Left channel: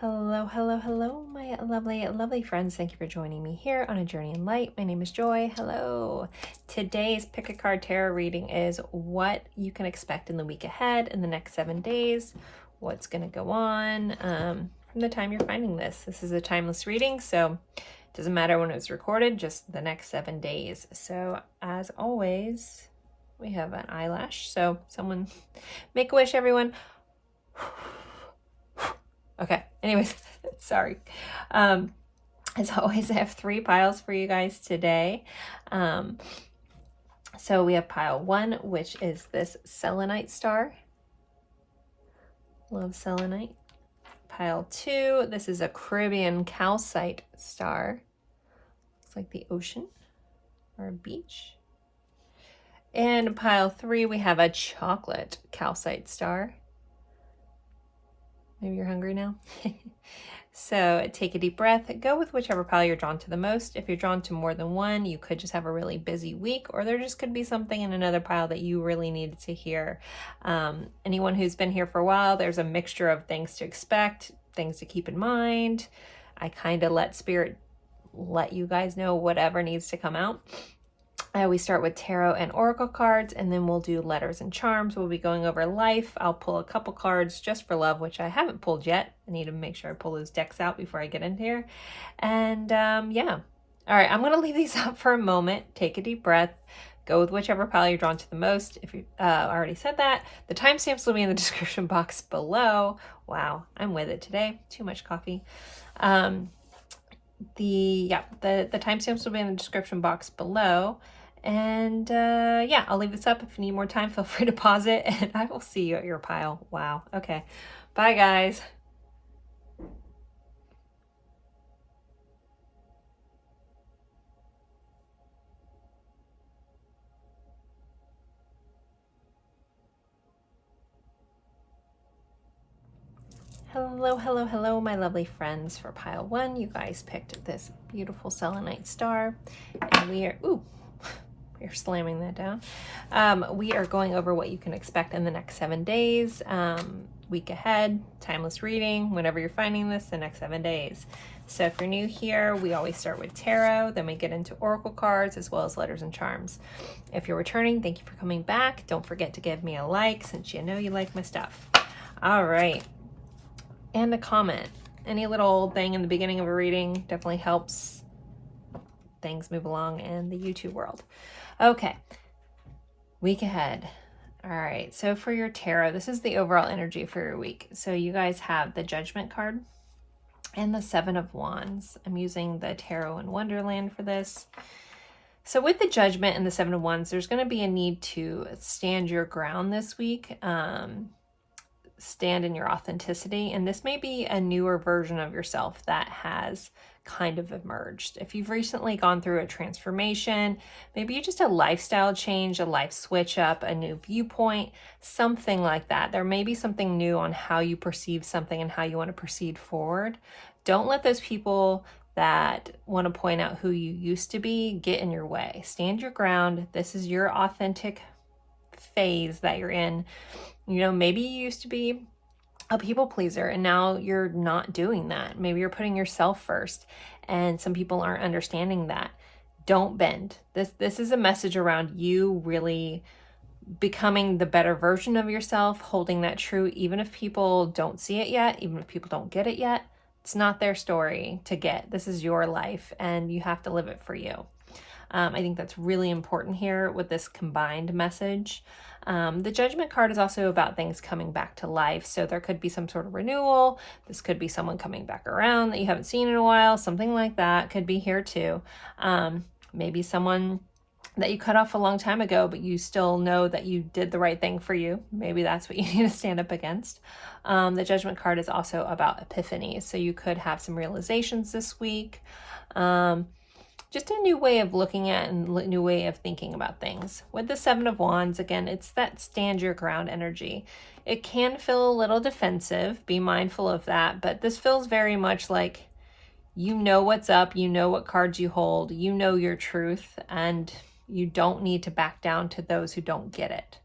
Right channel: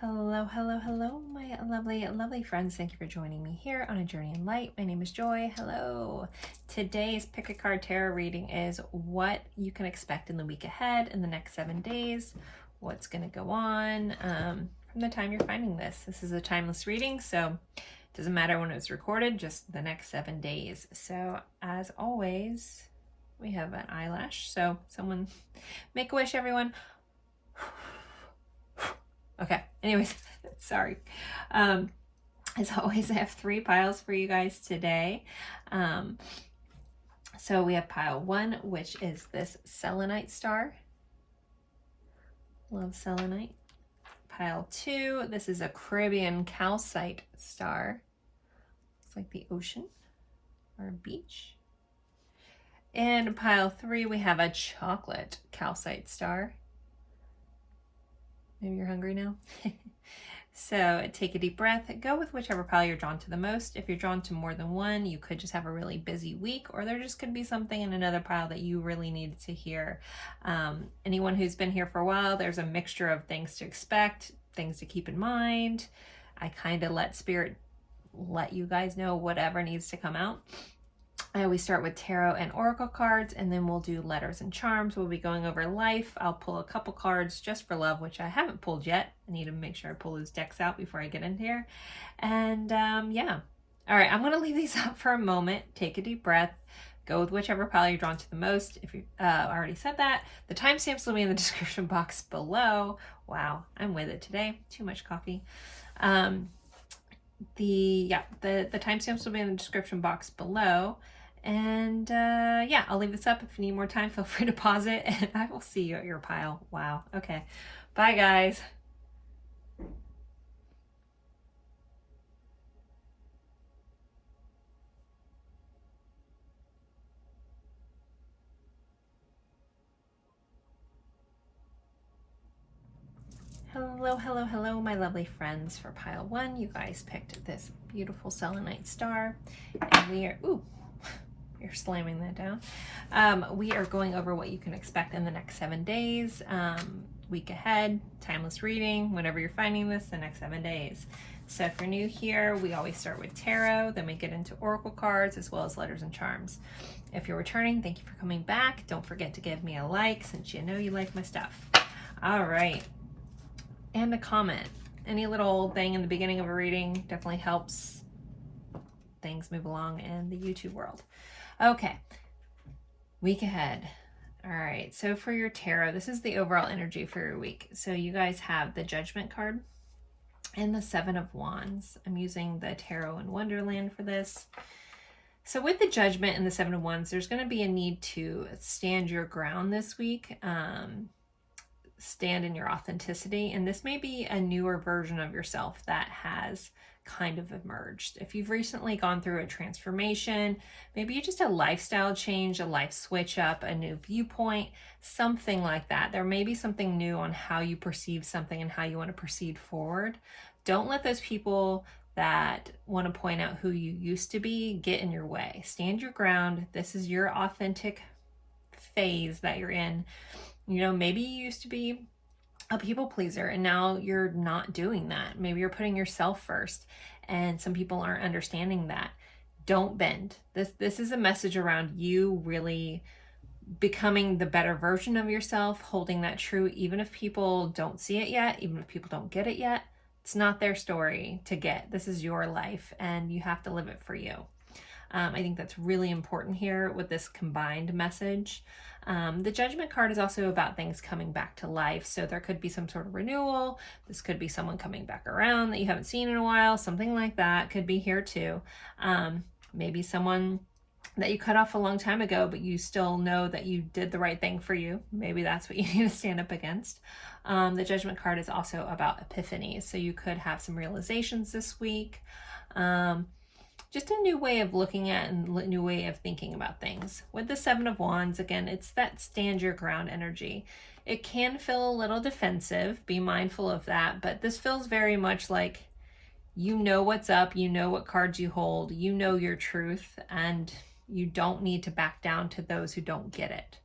Hello, hello, hello, my lovely, lovely friends. Thank you for joining me here on A Journey in Light. My name is Joy. Hello. Today's Pick a Card Tarot reading is what you can expect in the week ahead, in the next 7 days, what's going to go on from the time you're finding this. This is a timeless reading, so it doesn't matter when it's recorded, just the next 7 days. So as always, we have an eyelash. So someone make a wish, everyone. Okay, anyways, sorry. As always, I have 3 piles for you guys today. So we have pile 1, which is this selenite star. Love selenite. Pile 2, this is a Caribbean calcite star. Looks like the ocean or a beach. And pile 3, we have a chocolate calcite star. Maybe you're hungry now. So take a deep breath. Go with whichever pile you're drawn to the most. If you're drawn to more than one, you could just have a really busy week, or there just could be something in another pile that you really needed to hear. Anyone who's been here for a while, there's a mixture of things to expect, things to keep in mind. I kind of let Spirit let you guys know whatever needs to come out. We start with tarot and oracle cards, and then we'll do letters and charms. We'll be going over life. I'll pull a couple cards just for love, which I haven't pulled yet. I need to make sure I pull those decks out before I get in here. And yeah. All right, I'm going to leave these up for a moment. Take a deep breath. Go with whichever pile you're drawn to the most. If you already said that, the timestamps will be in the description box below. Wow, I'm with it today. Too much coffee. The timestamps will be in the description box below. And yeah, I'll leave this up. If you need more time, feel free to pause it, and I will see you at your pile. Wow. Okay. Bye, guys. Hello, hello, hello, my lovely friends. For pile 1, you guys picked this beautiful selenite star, and we are, you're slamming that down. We are going over what you can expect in the next 7 days, week ahead, timeless reading, whenever you're finding this, the next 7 days. So if you're new here, we always start with tarot, then we get into oracle cards, as well as letters and charms. If you're returning, thank you for coming back. Don't forget to give me a like, since you know you like my stuff. All right. And a comment. Any little thing in the beginning of a reading definitely helps things move along in the YouTube world. Okay, week ahead. All right, so for your tarot, this is the overall energy for your week. So you guys have the Judgment card and the 7 of Wands. I'm using the Tarot in Wonderland for this. So with the Judgment and the 7 of Wands, there's going to be a need to stand your ground this week. Stand in your authenticity, and this may be a newer version of yourself that has kind of emerged. If you've recently gone through a transformation, maybe just a lifestyle change, a life switch up, a new viewpoint, something like that. There may be something new on how you perceive something and how you want to proceed forward. Don't let those people that want to point out who you used to be get in your way. Stand your ground. This is your authentic phase that you're in. You know, maybe you used to be a people pleaser and now you're not doing that. Maybe you're putting yourself first, and some people aren't understanding that. Don't bend. This is a message around you really becoming the better version of yourself, holding that true, even if people don't see it yet, even if people don't get it yet. It's not their story to get. This is your life, and you have to live it for you. I think that's really important here with this combined message. The Judgment card is also about things coming back to life. So there could be some sort of renewal. This could be someone coming back around that you haven't seen in a while. Something like that could be here too. Maybe someone that you cut off a long time ago, but you still know that you did the right thing for you. Maybe that's what you need to stand up against. The Judgment card is also about epiphanies. So you could have some realizations this week. Just a new way of looking at and a new way of thinking about things. With the 7 of Wands, again, it's that stand your ground energy. It can feel a little defensive. Be mindful of that. But this feels very much like you know what's up. You know what cards you hold. You know your truth. And you don't need to back down to those who don't get it.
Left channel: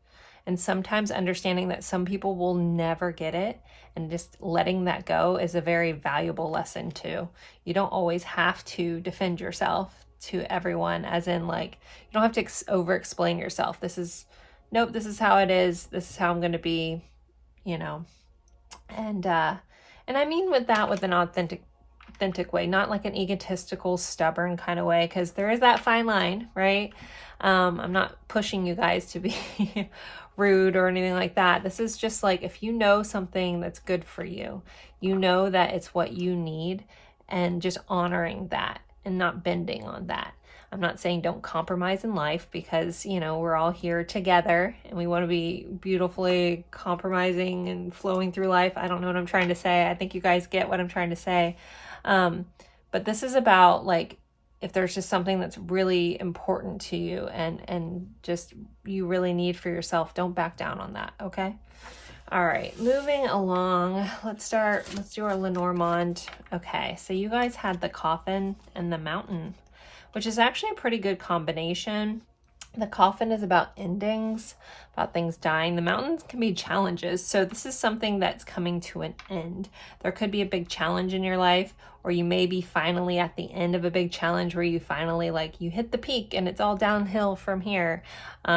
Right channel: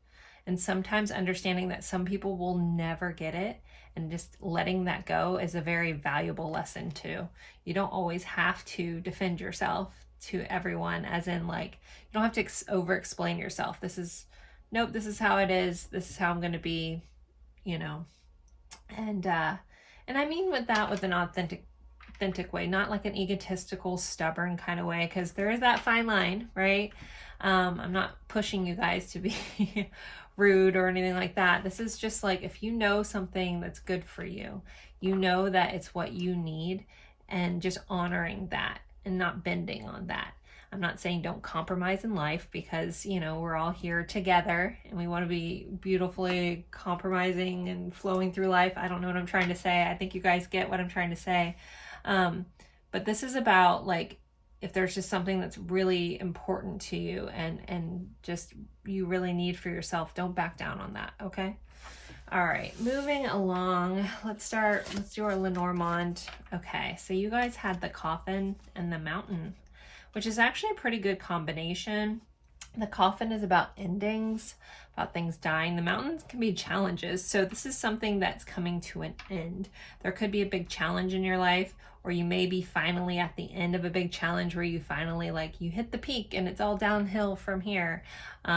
And sometimes understanding that some people will never get it and just letting that go is a very valuable lesson too. You don't always have to defend yourself to everyone, as in like, you don't have to over explain yourself. This is, nope, this is how it is. This is how I'm going to be, you know. And I mean with that, with an authentic way, not like an egotistical, stubborn kind of way, because there is that fine line, right? I'm not pushing you guys to be rude or anything like that. This is just like, if you know something that's good for you, you know that it's what you need, and just honoring that and not bending on that. I'm not saying don't compromise in life, because, you know, we're all here together and we want to be beautifully compromising and flowing through life. I don't know what I'm trying to say. I think you guys get what I'm trying to say. But this is about, like, if there's just something that's really important to you and just you really need for yourself, don't back down on that, okay? All right, moving along. Let's do our Lenormand. Okay, so you guys had the Coffin and the Mountain, which is actually a pretty good combination. The Coffin is about endings, about things dying. The Mountains can be challenges. So this is something that's coming to an end. There could be a big challenge in your life, or you may be finally at the end of a big challenge where you finally, like, you hit the peak and it's all downhill from here.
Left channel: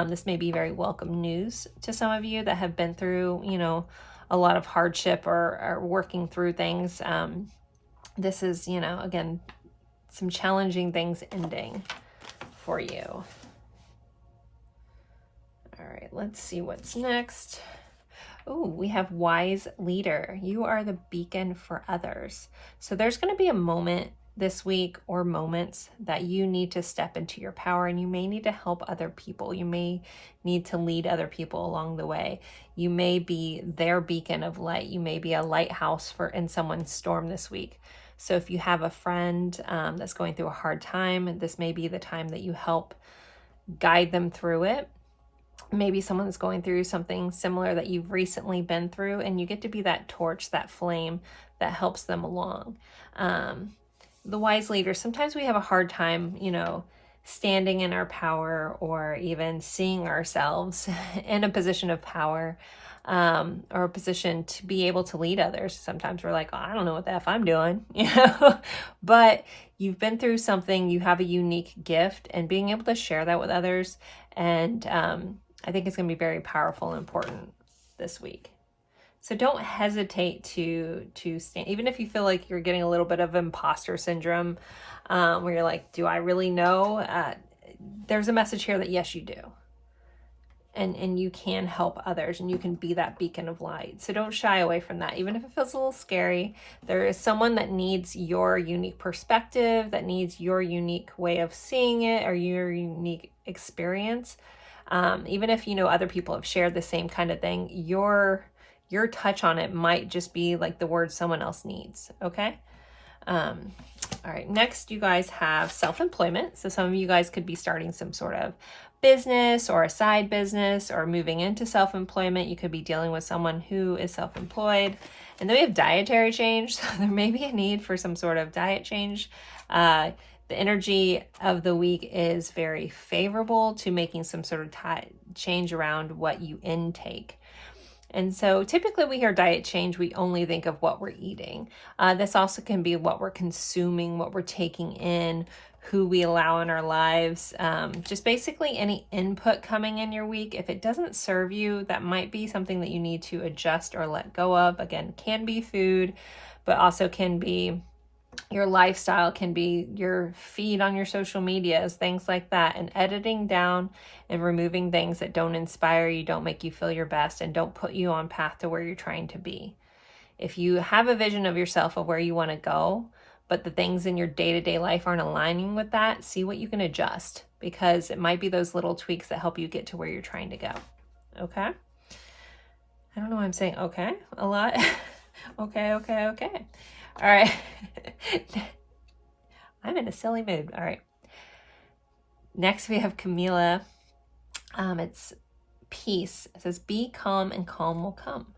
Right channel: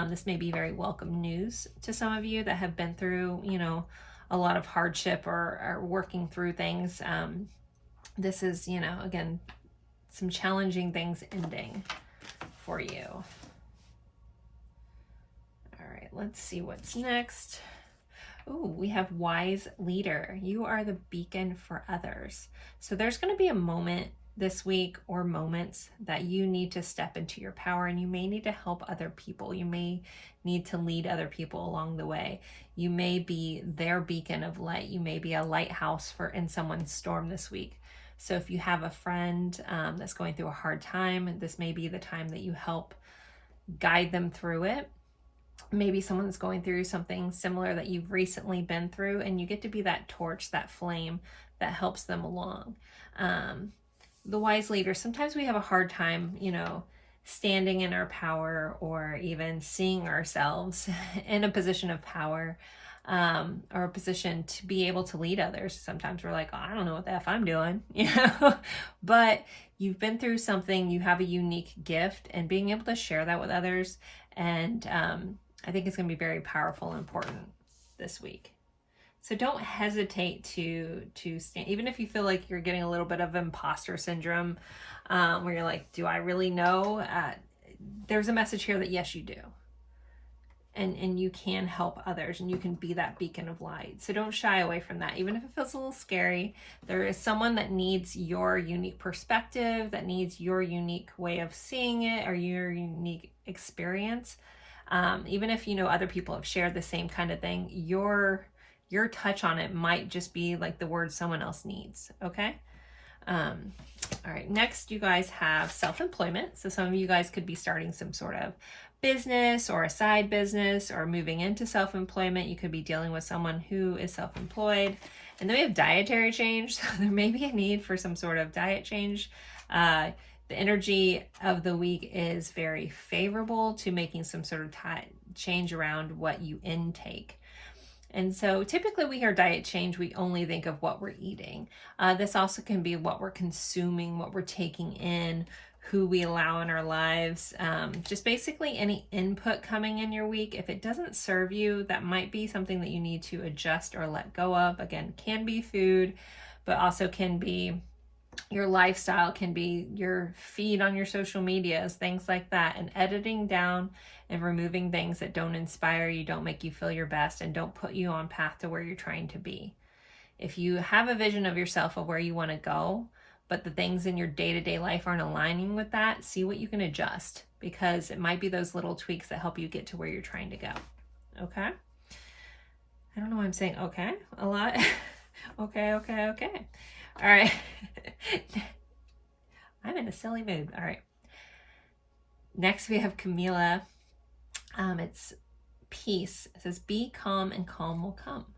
This may be very welcome news to some of you that have been through, you know, a lot of hardship or are working through things. This is, you know, again, some challenging things ending for you. All right, let's see what's next. Oh, we have Wise Leader. You are the beacon for others. So there's going to be a moment this week, or moments, that you need to step into your power, and you may need to help other people. You may need to lead other people along the way. You may be their beacon of light. You may be a lighthouse in someone's storm this week. So if you have a friend that's going through a hard time, this may be the time that you help guide them through it. Maybe someone's going through something similar that you've recently been through, and you get to be that torch, that flame that helps them along. The Wise Leader, sometimes we have a hard time, you know, standing in our power, or even seeing ourselves in a position of power, or a position to be able to lead others. Sometimes we're like, oh, I don't know what the F I'm doing, you know, but you've been through something, you have a unique gift, and being able to share that with others. And I think it's going to be very powerful and important this week. So don't hesitate to stand, even if you feel like you're getting a little bit of imposter syndrome, where you're like, do I really know? There's a message here that yes, you do. And you can help others, and you can be that beacon of light. So don't shy away from that. Even if it feels a little scary, there is someone that needs your unique perspective, that needs your unique way of seeing it, or your unique experience. Even if, you know, other people have shared the same kind of thing, your touch on it might just be like the word someone else needs. Okay. All right. Next, you guys have self-employment. So some of you guys could be starting some sort of business or a side business, or moving into self-employment. You could be dealing with someone who is self-employed. And then we have dietary change. So there may be a need for some sort of diet change. The energy of the week is very favorable to making some sort of change around what you intake. And so typically we hear diet change, we only think of what we're eating. This also can be what we're consuming, what we're taking in, who we allow in our lives. Just basically any input coming in your week. If it doesn't serve you, that might be something that you need to adjust or let go of. Again, can be food, but also can be your lifestyle, can be your feed on your social medias, things like that. And editing down and removing things that don't inspire you, don't make you feel your best, and don't put you on path to where you're trying to be. If you have a vision of yourself of where you want to go, but the things in your day-to-day life aren't aligning with that, see what you can adjust, because it might be those little tweaks that help you get to where you're trying to go. Okay? I don't know why I'm saying okay a lot. Okay. All right. I'm in a silly mood. All right. Next, we have Camilla. It's peace. It says, be calm and calm will come.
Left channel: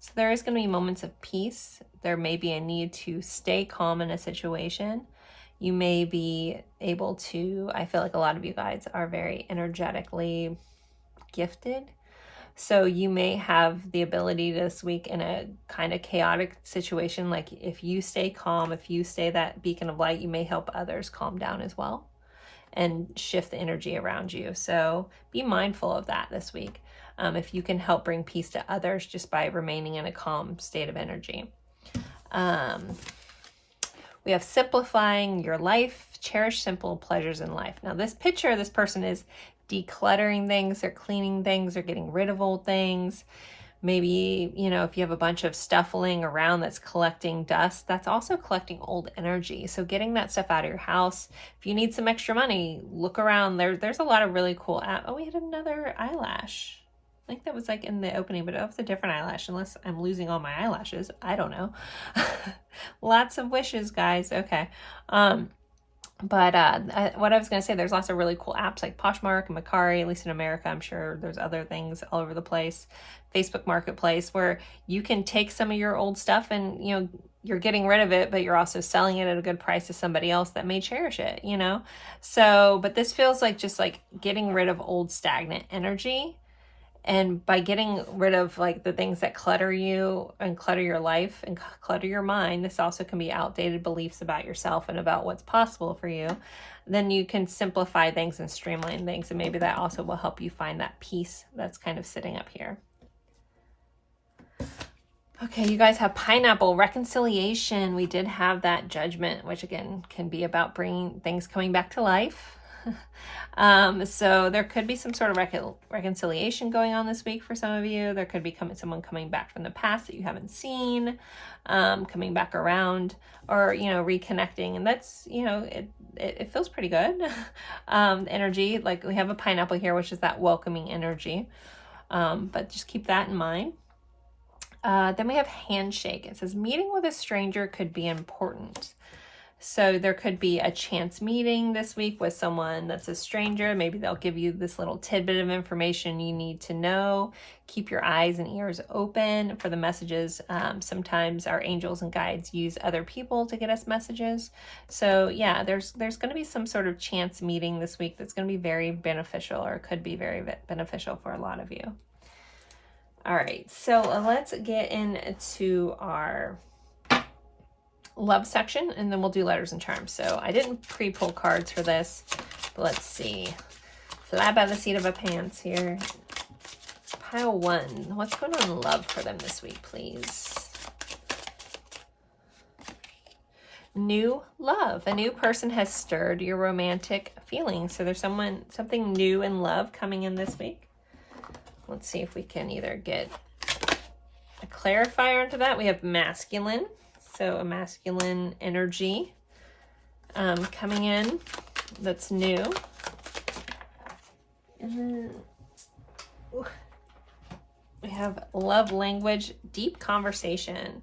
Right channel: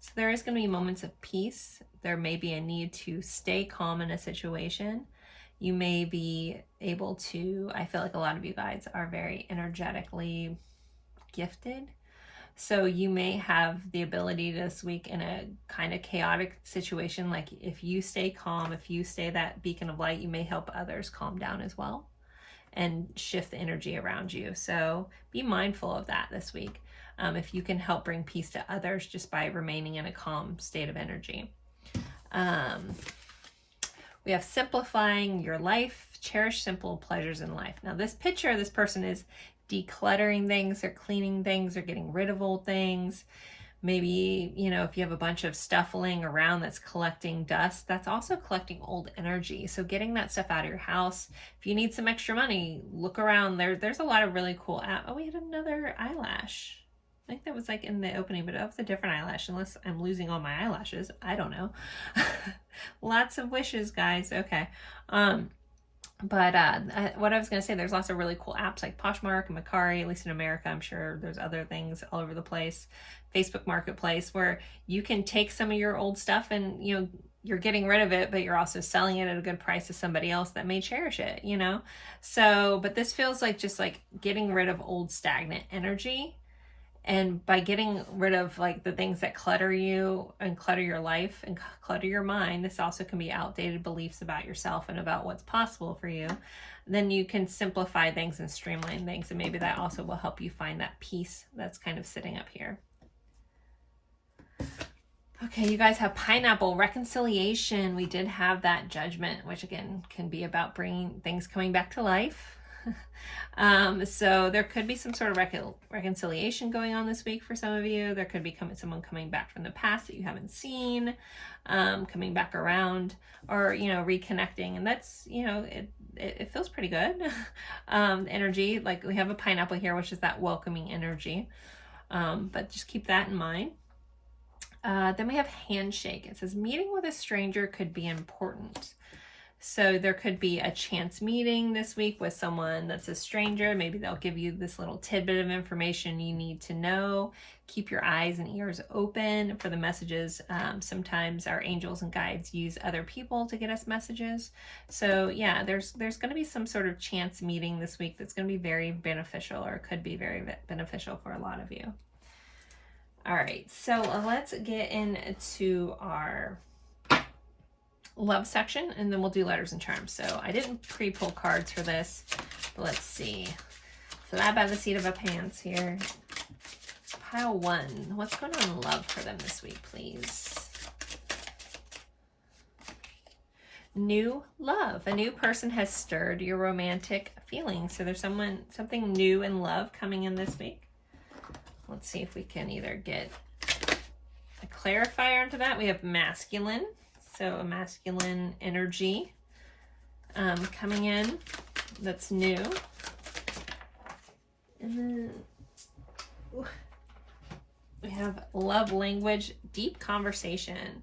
So there is going to be moments of peace. There may be a need to stay calm in a situation. You may be able to, I feel like a lot of you guys are very energetically gifted, So you may have the ability this week in a kind of chaotic situation, like if you stay calm, if you stay that beacon of light, you may help others calm down as well and shift the energy around you. So be mindful of that this week. If you can help bring peace to others just by remaining in a calm state of energy. We have simplifying your life, cherish simple pleasures in life. Now this picture, this person is decluttering things, they're cleaning things, they're getting rid of old things. Maybe, you know, if you have a bunch of stuff laying around that's collecting dust, that's also collecting old energy. So getting that stuff out of your house. If you need some extra money, look around. There's a lot of really cool Oh, we had another eyelash. I think that was like in the opening, but it was a different eyelash, unless I'm losing all my eyelashes. I don't know. Lots of wishes, guys. Okay. What I was going to say, there's lots of really cool apps like Poshmark and Mercari, at least in America. I'm sure there's other things all over the place. Facebook Marketplace, where you can take some of your old stuff and, you know, you're getting rid of it, but you're also selling it at a good price to somebody else that may cherish it, you know? So, but this feels like just like getting rid of old stagnant energy. And by getting rid of like the things that clutter you and clutter your life and clutter your mind, this also can be outdated beliefs about yourself and about what's possible for you. Then you can simplify things and streamline things. And maybe that also will help you find that peace that's kind of sitting up here. Okay, you guys have pineapple, reconciliation. We did have that judgment, which again can be about bringing things coming back to life. So there could be some sort of reconciliation going on this week for some of you. There could be someone coming back from the past that you haven't seen, coming back around, or, you know, reconnecting. And that's, you know, it feels pretty good. Energy, like we have a pineapple here, which is that welcoming energy. But just keep that in mind. Then we have handshake. It says meeting with a stranger could be important. So there could be a chance meeting this week with someone that's a stranger. Maybe they'll give you this little tidbit of information you need to know. Keep your eyes and ears open for the messages. Sometimes our angels and guides use other people to get us messages. So yeah, there's going to be some sort of chance meeting this week that's going to be very beneficial, or could be very beneficial for a lot of you. All right, so let's get into our love section, and then we'll do letters and charms. So I didn't pre-pull cards for this, but let's see. Fly by the seat of a pants here. Pile 1. What's going on in love for them this week, please? New love. A new person has stirred your romantic feelings. So there's something new in love coming in this week. Let's see if we can either get a clarifier into that. We have masculine. So a masculine energy coming in that's new. And then we have love language, deep conversation,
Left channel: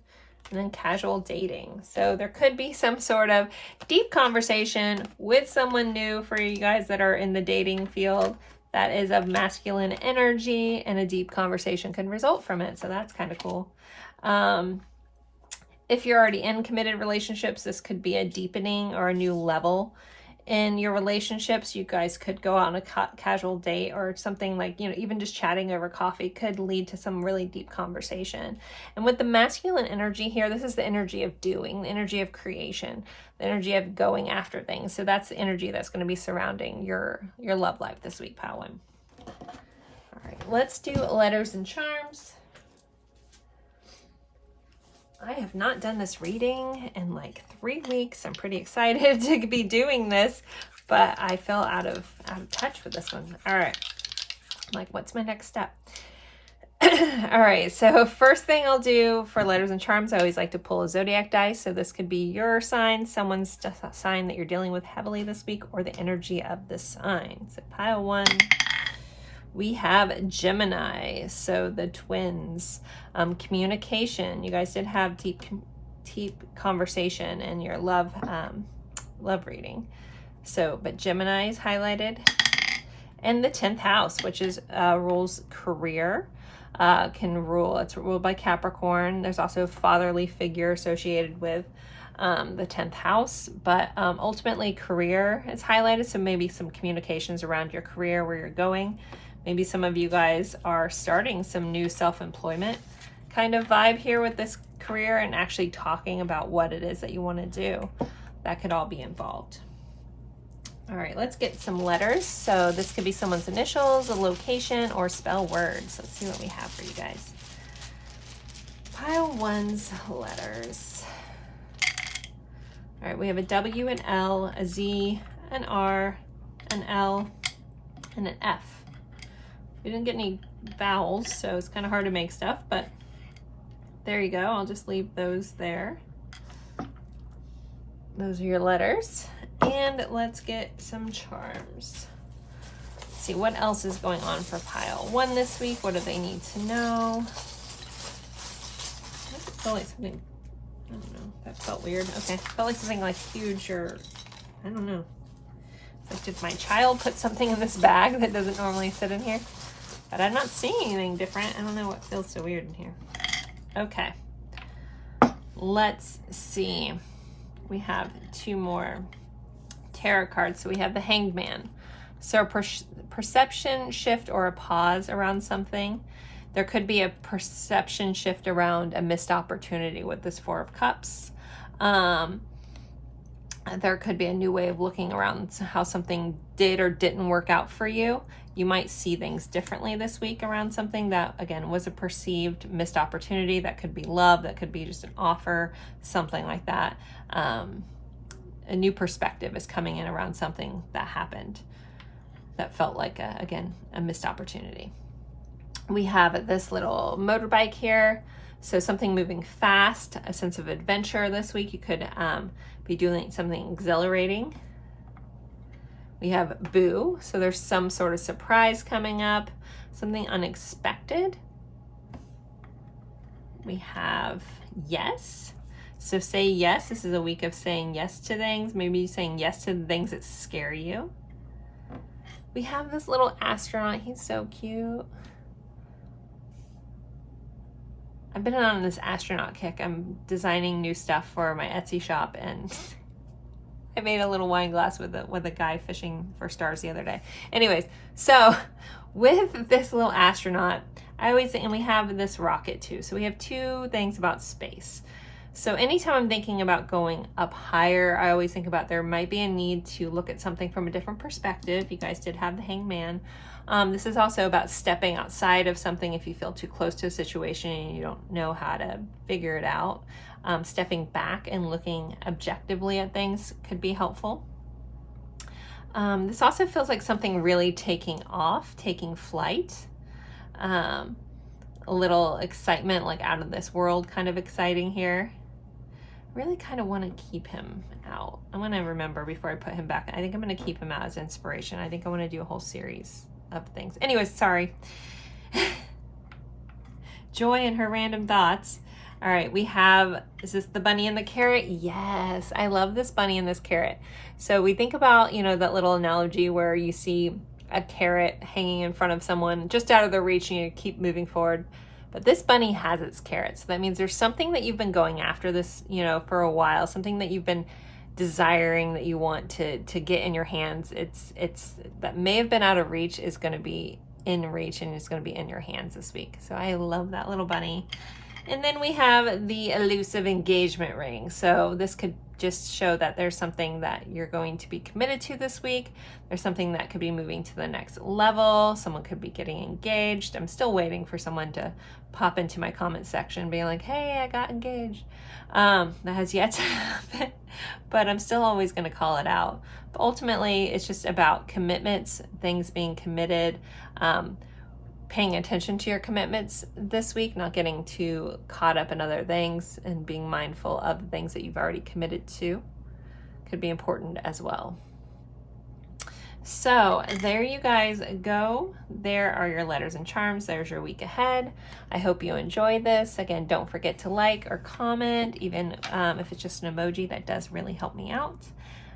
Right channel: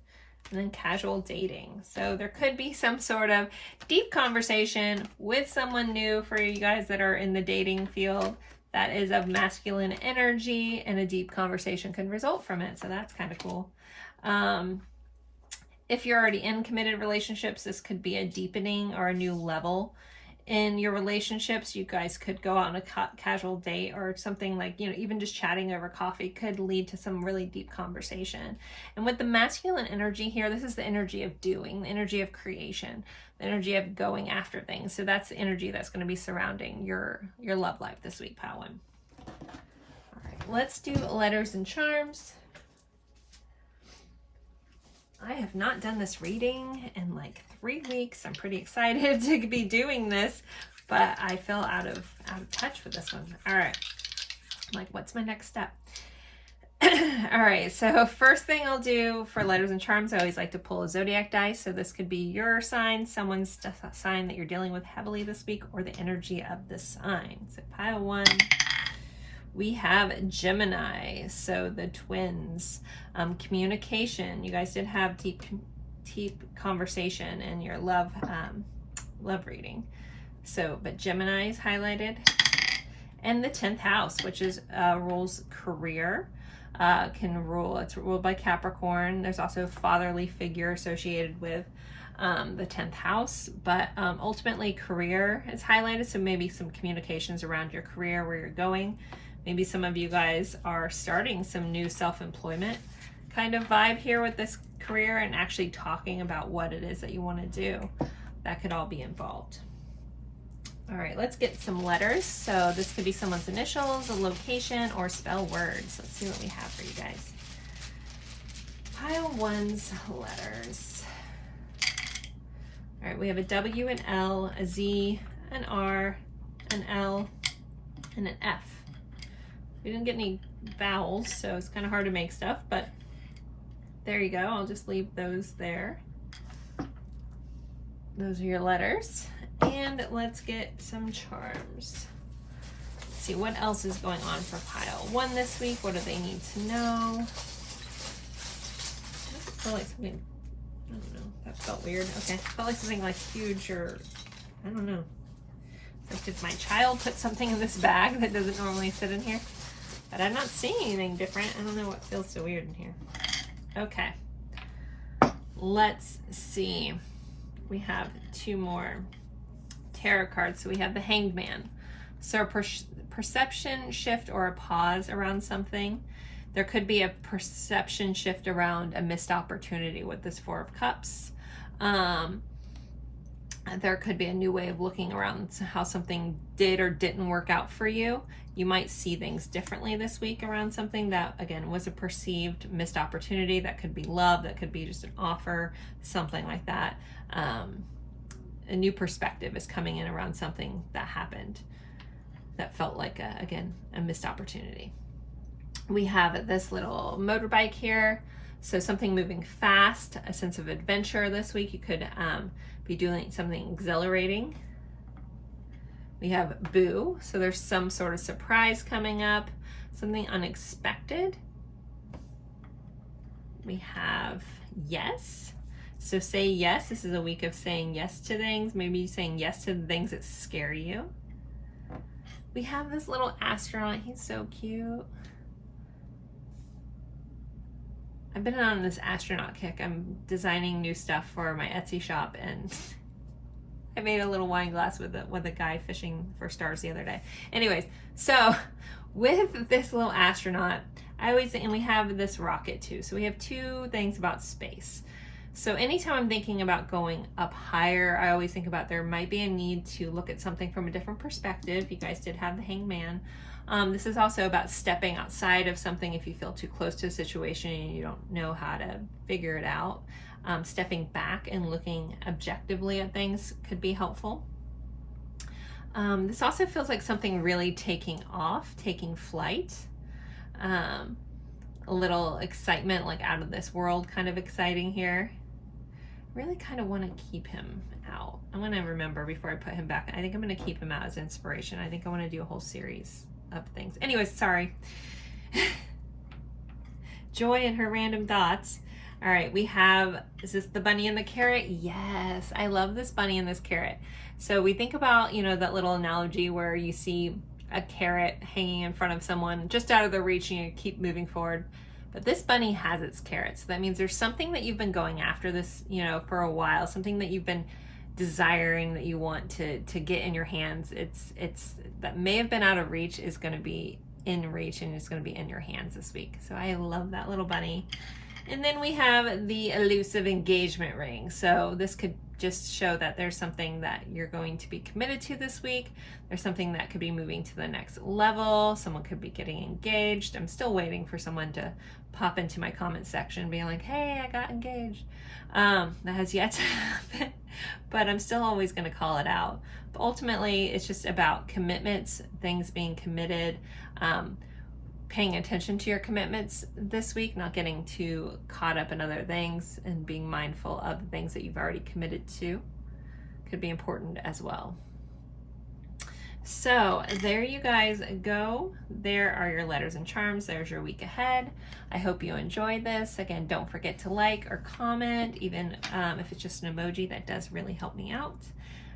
and then casual dating. So there could be some sort of deep conversation with someone new for you guys that are in the dating field that is of masculine energy, and a deep conversation can result from it. So that's kind of cool. If you're already in committed relationships, this could be a deepening or a new level in your relationships. You guys could go out on a casual date, or something like, you know, even just chatting over coffee could lead to some really deep conversation. And with the masculine energy here, this is the energy of doing, the energy of creation, the energy of going after things. So that's the energy that's going to be surrounding your love life this week, pile 1. All right, let's do letters and charms. I have not done this reading in like 3 weeks. I'm pretty excited to be doing this, but I fell out of touch with this one. All right. I'm like, what's my next step? All right. So first thing I'll do for letters and charms, I always like to pull a zodiac dice. So this could be your sign, someone's sign that you're dealing with heavily this week, or the energy of the sign. So pile 1. We have Gemini, so the twins. Communication. You guys did have deep conversation in your love reading. So, but Gemini is highlighted. And the 10th house, which is rules career, it's ruled by Capricorn. There's also a fatherly figure associated with the 10th house, but ultimately career is highlighted. So maybe some communications around your career, where you're going. Maybe some of you guys are starting some new self-employment kind of vibe here with this career and actually talking about what it is that you want to do. That could all be involved. All right, let's get some letters. So this could be someone's initials, a location, or spell words. Let's see what we have for you guys. Pile one's letters. All right, we have a W, an L, a Z, an R, an L, and an F. We didn't get any vowels, so it's kind of hard to make stuff, but there you go. I'll just leave those there. Those are your letters. And let's get some charms. Let's see what else is going on for pile one this week. What do they need to know? I felt like something, I don't know, that felt weird. Okay, felt like something like huge or, I don't know. It's like, did my child put something in this bag that doesn't normally sit in here? But I'm not seeing anything different. I don't know what feels so weird in here. Okay, let's see. We have two more tarot cards. So we have the Hanged Man. So a perception shift or a pause around something. There could be a perception shift around a missed opportunity with this Four of Cups. There could be a new way of looking around how something did or didn't work out for you. You might see things differently this week around something that, again, was a perceived missed opportunity. That could be love, that could be just an offer, something like that. A new perspective is coming in around something that happened that felt like, again, a missed opportunity. We have this little motorbike here. So something moving fast, a sense of adventure this week. You could be doing something exhilarating. We have Boo. So there's some sort of surprise coming up, something unexpected. We have Yes. So say yes. This is a week of saying yes to things. Maybe saying yes to the things that scare you. We have this little astronaut. He's so cute. I've been on this astronaut kick. I'm designing new stuff for my Etsy shop, and I made a little wine glass with a guy fishing for stars the other day. Anyways, so with this little astronaut, I always think, and we have this rocket too. So we have two things about space. So anytime I'm thinking about going up higher, I always think about there might be a need to look at something from a different perspective. You guys did have the Hanged Man. This is also about stepping outside of something if you feel too close to a situation and you don't know how to figure it out. Stepping back and looking objectively at things could be helpful. This also feels like something really taking off, taking flight. A little excitement, like out of this world kind of exciting here. Really kind of want to keep him out. I'm going to remember before I put him back. I think I'm going to keep him out as inspiration. I think I want to do a whole series of things. Anyways, sorry. Joy and her random thoughts. All right, we have, is this the bunny and the carrot? Yes, I love this bunny and this carrot. So we think about, you know, that little analogy where you see a carrot hanging in front of someone just out of their reach and you keep moving forward. But this bunny has its carrot. So that means there's something that you've been going after this, you know, for a while, something that you've been desiring that you want to get in your hands. It's that may have been out of reach is going to be in reach and it's going to be in your hands this week. So I love that little bunny. And then we have the elusive engagement ring. So this could just show that there's something that you're going to be committed to this week. There's something that could be moving to the next level. Someone could be getting engaged. I'm still waiting for someone to pop into my comment section being like, hey, I got engaged. That has yet to happen, but I'm still always going to call it out. But ultimately, it's just about commitments, things being committed, paying attention to your commitments this week, not getting too caught up in other things, and being mindful of the things that you've already committed to could be important as well. So there you guys go. There are your letters and charms. There's your week ahead. I hope you enjoyed this. Again, don't forget to like or comment, even if it's just an emoji. That does really help me out.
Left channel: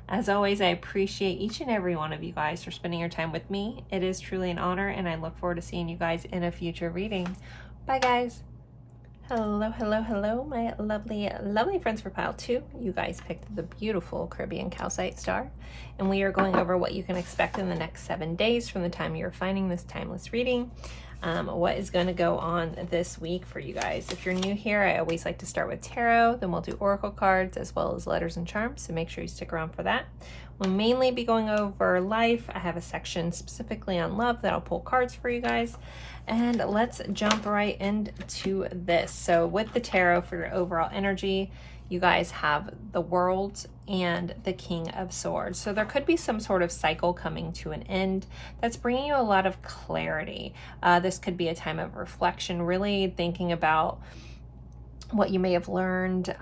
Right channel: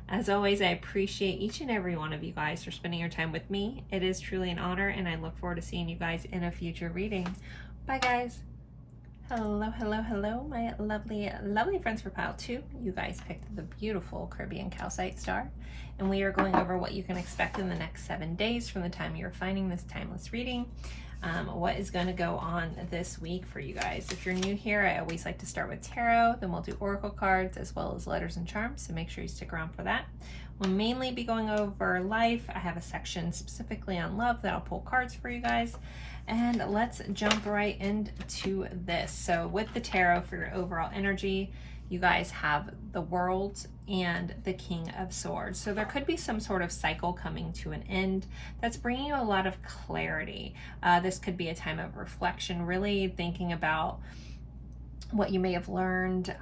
As always, I appreciate each and every one of you guys for spending your time with me. It is truly an honor, and I look forward to seeing you guys in a future reading. Bye, guys. Hello, hello, hello, my lovely, lovely friends for pile 2. You guys picked the beautiful Caribbean calcite star, and we are going over what you can expect in the next 7 days from the time you're finding this timeless reading. What is going to go on this week for you guys. If you're new here, I always like to start with tarot, then we'll do oracle cards as well as letters and charms, so make sure you stick around for that. We'll mainly be going over life. I have a section specifically on love that I'll pull cards for you guys. And let's jump right into this. So with the tarot, for your overall energy, you guys have the World and the King of Swords. So there could be some sort of cycle coming to an end that's bringing you a lot of clarity. This could be a time of reflection, really thinking about what you may have learned.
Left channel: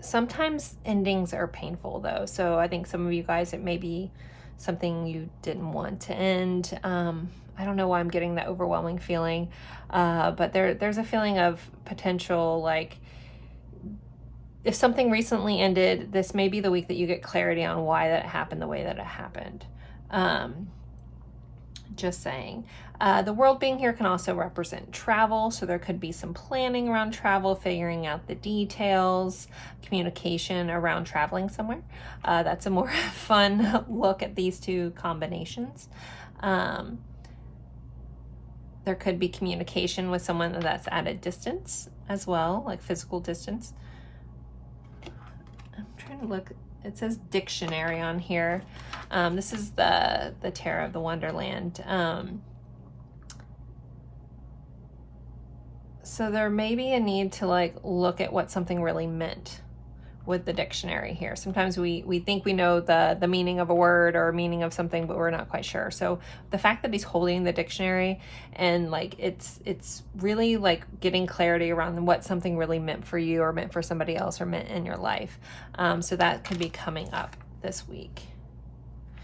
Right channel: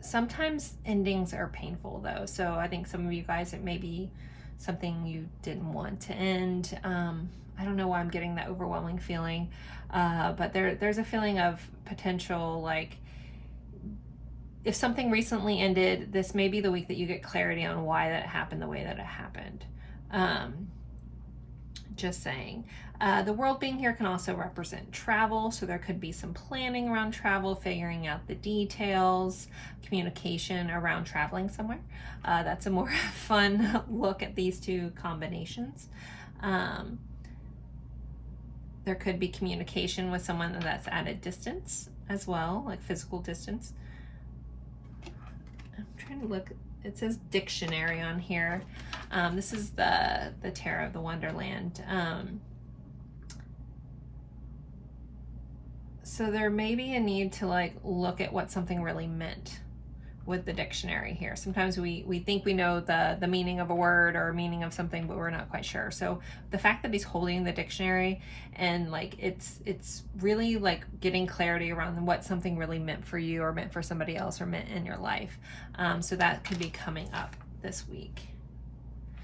Sometimes endings are painful though. So I think some of you guys, it may be something you didn't want to end. I don't know why I'm getting that overwhelming feeling, but there's a feeling of potential, like if something recently ended, this may be the week that you get clarity on why that happened the way that it happened. Just saying. The World being here can also represent travel, so there could be some planning around travel, figuring out the details, communication around traveling somewhere. That's a more fun look at these two combinations. There could be communication with someone that's at a distance as well, like physical distance. I'm trying to look, it says dictionary on here. This is the Tarot of the Wonderland. So there may be a need to like look at what something really meant with the dictionary here. Sometimes we think we know the meaning of a word or meaning of something, but we're not quite sure. So the fact that he's holding the dictionary and like it's really like getting clarity around what something really meant for you or meant for somebody else or meant in your life. So that could be coming up this week.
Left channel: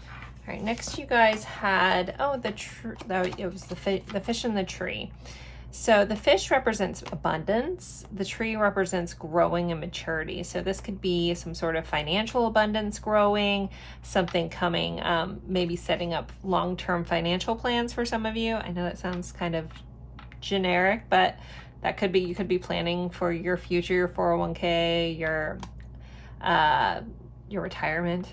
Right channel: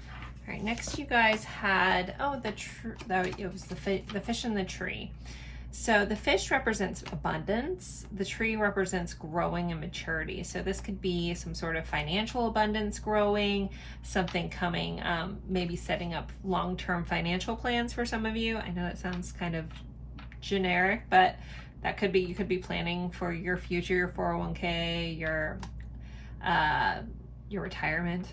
All right, next you guys had, it was the fish in the tree. So the fish represents abundance. The tree represents growing and maturity. So this could be some sort of financial abundance growing, something coming, maybe setting up long-term financial plans for some of you. I know that sounds kind of generic, but that could be, you could be planning for your future, your 401k, your retirement.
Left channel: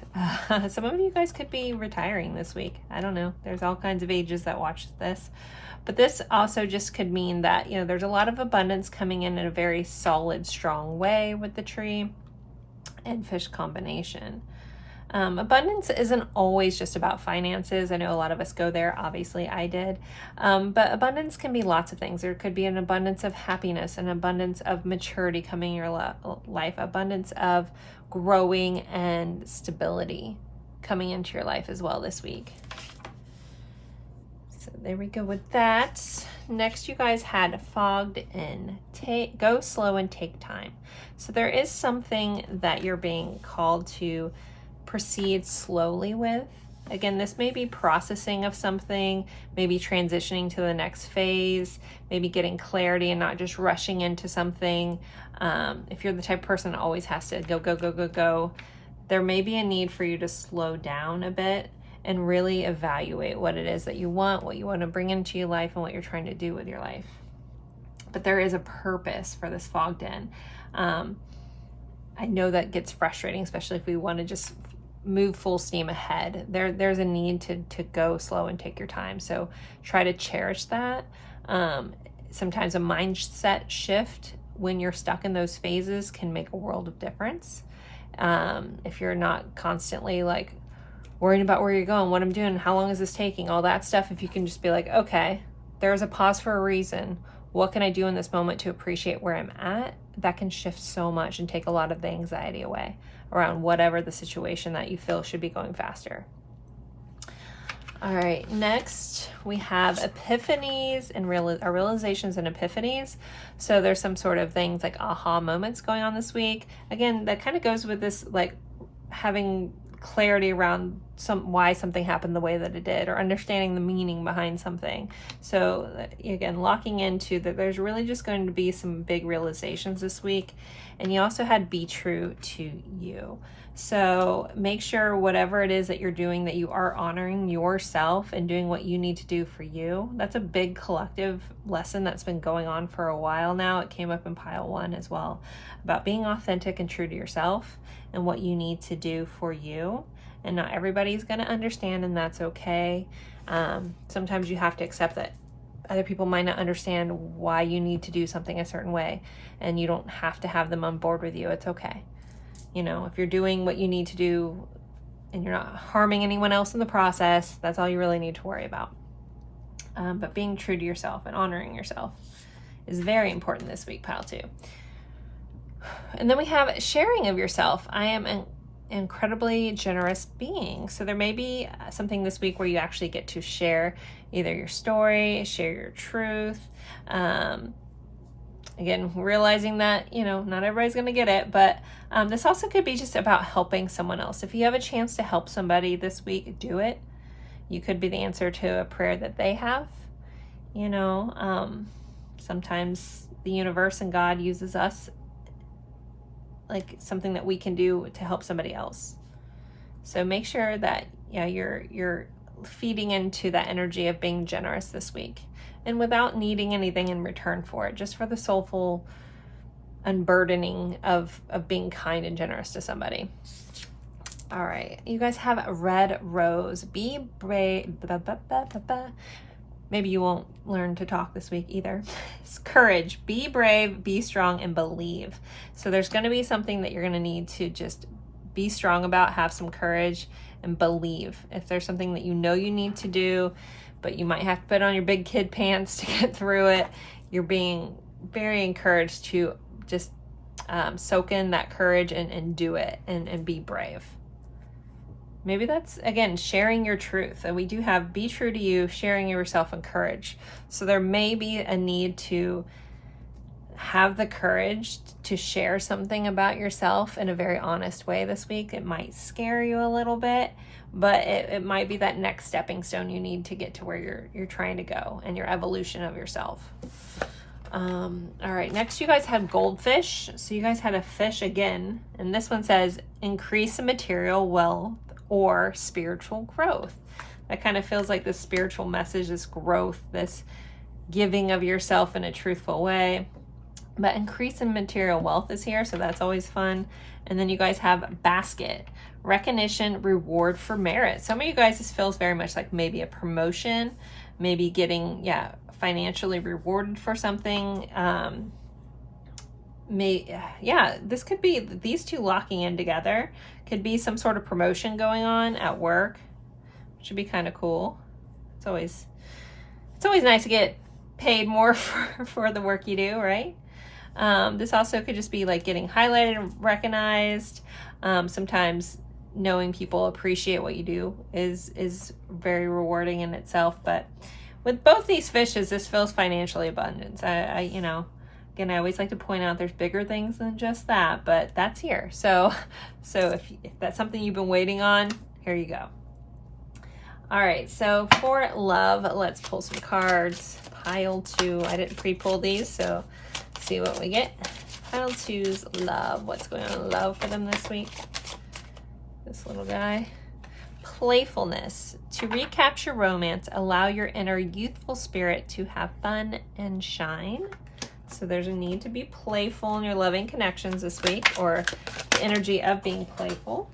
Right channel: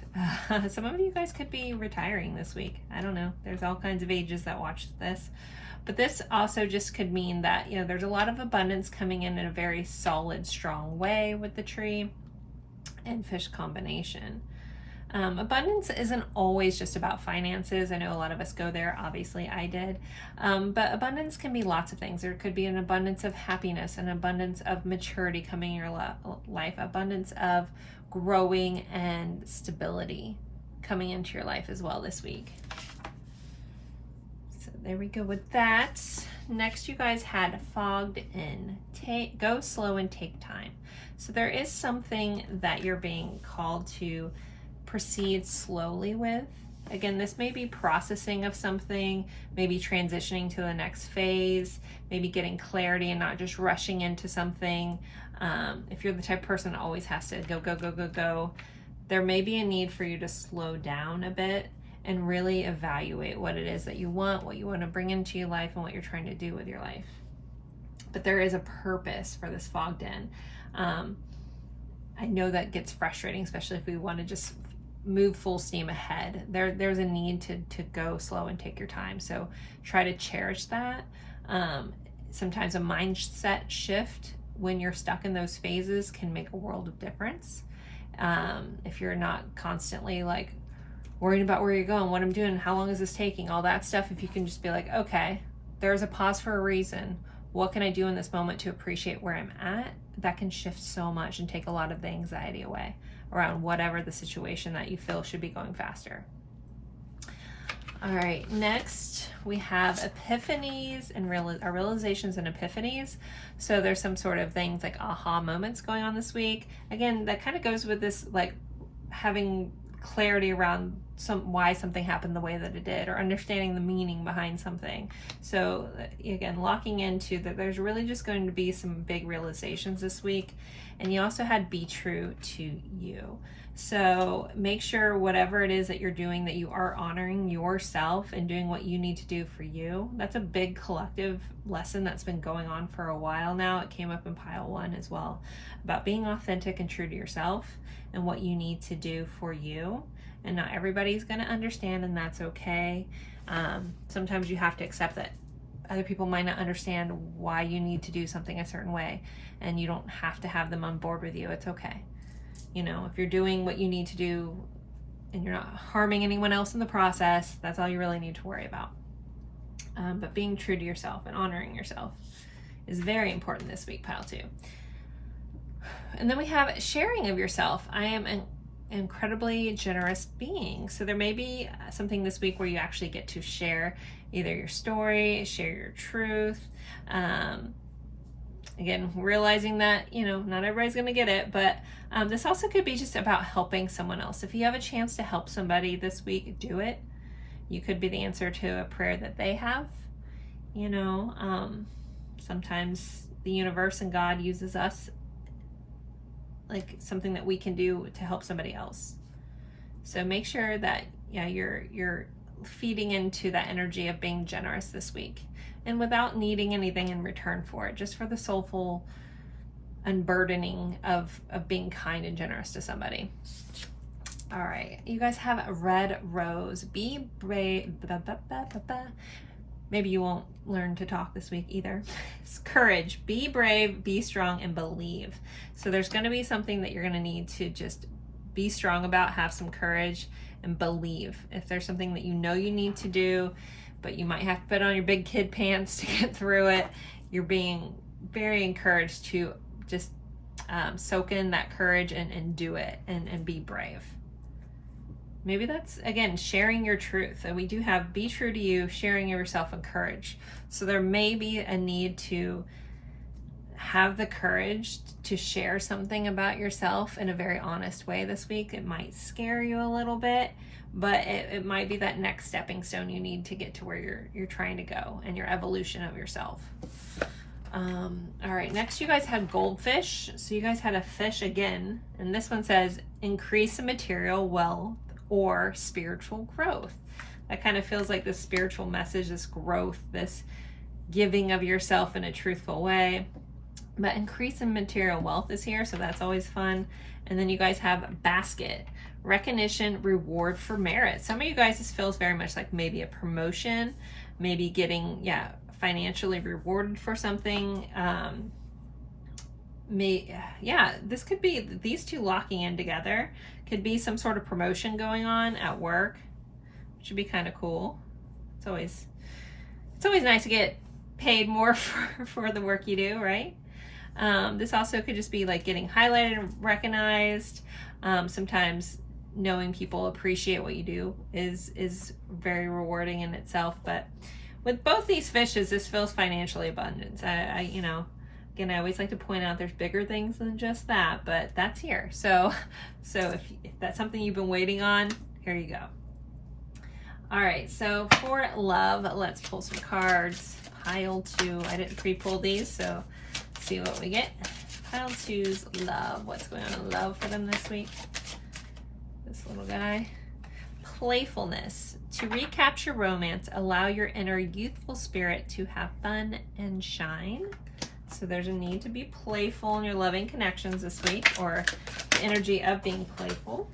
Some of you guys could be retiring this week. I don't know. There's all kinds of ages that watch this. But this also just could mean that, you know, there's a lot of abundance coming in a very solid, strong way with the tree and fish combination. Abundance isn't always just about finances. I know a lot of us go there. Obviously, I did. But abundance can be lots of things. There could be an abundance of happiness, an abundance of maturity coming in your life, abundance of growing and stability coming into your life as well this week. There we go with that. Next, you guys had fogged in. Go slow and take time. So there is something that you're being called to proceed slowly with. Again, this may be processing of something, maybe transitioning to the next phase, maybe getting clarity and not just rushing into something. If you're the type of person that always has to go, there may be a need for you to slow down a bit and really evaluate what it is that you want, what you want to bring into your life, and what you're trying to do with your life. But there is a purpose for this fogged in. I know that gets frustrating, especially if we want to just move full steam ahead. There's a need to go slow and take your time. So try to cherish that. Sometimes a mindset shift when you're stuck in those phases can make a world of difference. If you're not constantly like worrying about where you're going, what I'm doing, how long is this taking, all that stuff. If you can just be like, okay, there's a pause for a reason. What can I do in this moment to appreciate where I'm at? That can shift so much and take a lot of the anxiety away around whatever the situation that you feel should be going faster. All right, next we have epiphanies and realizations and epiphanies. So there's some sort of things like aha moments going on this week. Again, that kind of goes with this, like having clarity around why something happened the way that it did, or understanding the meaning behind something. So again, locking into that there's really just going to be some big realizations this week. And you also had be true to you. So make sure whatever it is that you're doing, that you are honoring yourself and doing what you need to do for you. That's a big collective lesson that's been going on for a while now. It came up in pile 1 as well, about being authentic and true to yourself and what you need to do for you. And not everybody's going to understand, and that's okay. Sometimes you have to accept that other people might not understand why you need to do something a certain way, and you don't have to have them on board with you. It's okay. You know, if you're doing what you need to do and you're not harming anyone else in the process, that's all you really need to worry about. But being true to yourself and honoring yourself is very important this week, pile 2. And then we have sharing of yourself. I am an incredibly generous being. So there may be something this week where you actually get to share either your story, share your truth. Again, realizing that, you know, not everybody's going to get it, but this also could be just about helping someone else. If you have a chance to help somebody this week, do it. You could be the answer to a prayer that they have. You know, sometimes the universe and God uses us like something that we can do to help somebody else. So make sure that, yeah, you're feeding into that energy of being generous this week, and without needing anything in return for it, just for the soulful unburdening of being kind and generous to somebody. All right, you guys have a red rose. Be brave. Maybe you won't learn to talk this week either. It's courage. Be brave, be strong, and believe. So there's going to be something that you're going to need to just be strong about, have some courage, and believe. If there's something that you know you need to do, but you might have to put on your big kid pants to get through it, you're being very encouraged to just soak in that courage and do it and be brave. Maybe that's, again, sharing your truth. And we do have be true to you, sharing yourself, and courage. So there may be a need to have the courage to share something about yourself in a very honest way this week. It might scare you a little bit, but it might be that next stepping stone you need to get to where you're trying to go and your evolution of yourself. All right, next you guys had goldfish. So you guys had a fish again, and this one says increase in material wealth or spiritual growth. That kind of feels like this spiritual message, this growth, this giving of yourself in a truthful way. But increase in material wealth is here, so that's always fun. And then you guys have basket, recognition, reward for merit. Some of you guys, this feels very much like maybe a promotion, maybe getting, financially rewarded for something. This could be these two locking in together. Could be some sort of promotion going on at work, which would be kind of cool. It's always nice to get paid more for the work you do, right? This also could just be like getting highlighted and recognized. Sometimes knowing people appreciate what you do is very rewarding in itself. But with both these fishes, this feels financially abundant. Again, I always like to point out there's bigger things than just that, but that's here. So if that's something you've been waiting on, here you go. All right, so for love, let's pull some cards. Pile 2, I didn't pre-pull these, so let's see what we get. Pile 2's love. What's going on in love for them this week? This little guy. Playfulness. To recapture romance, allow your inner youthful spirit to have fun and shine. So there's a need to be playful in your loving connections this week, or the energy of being playful.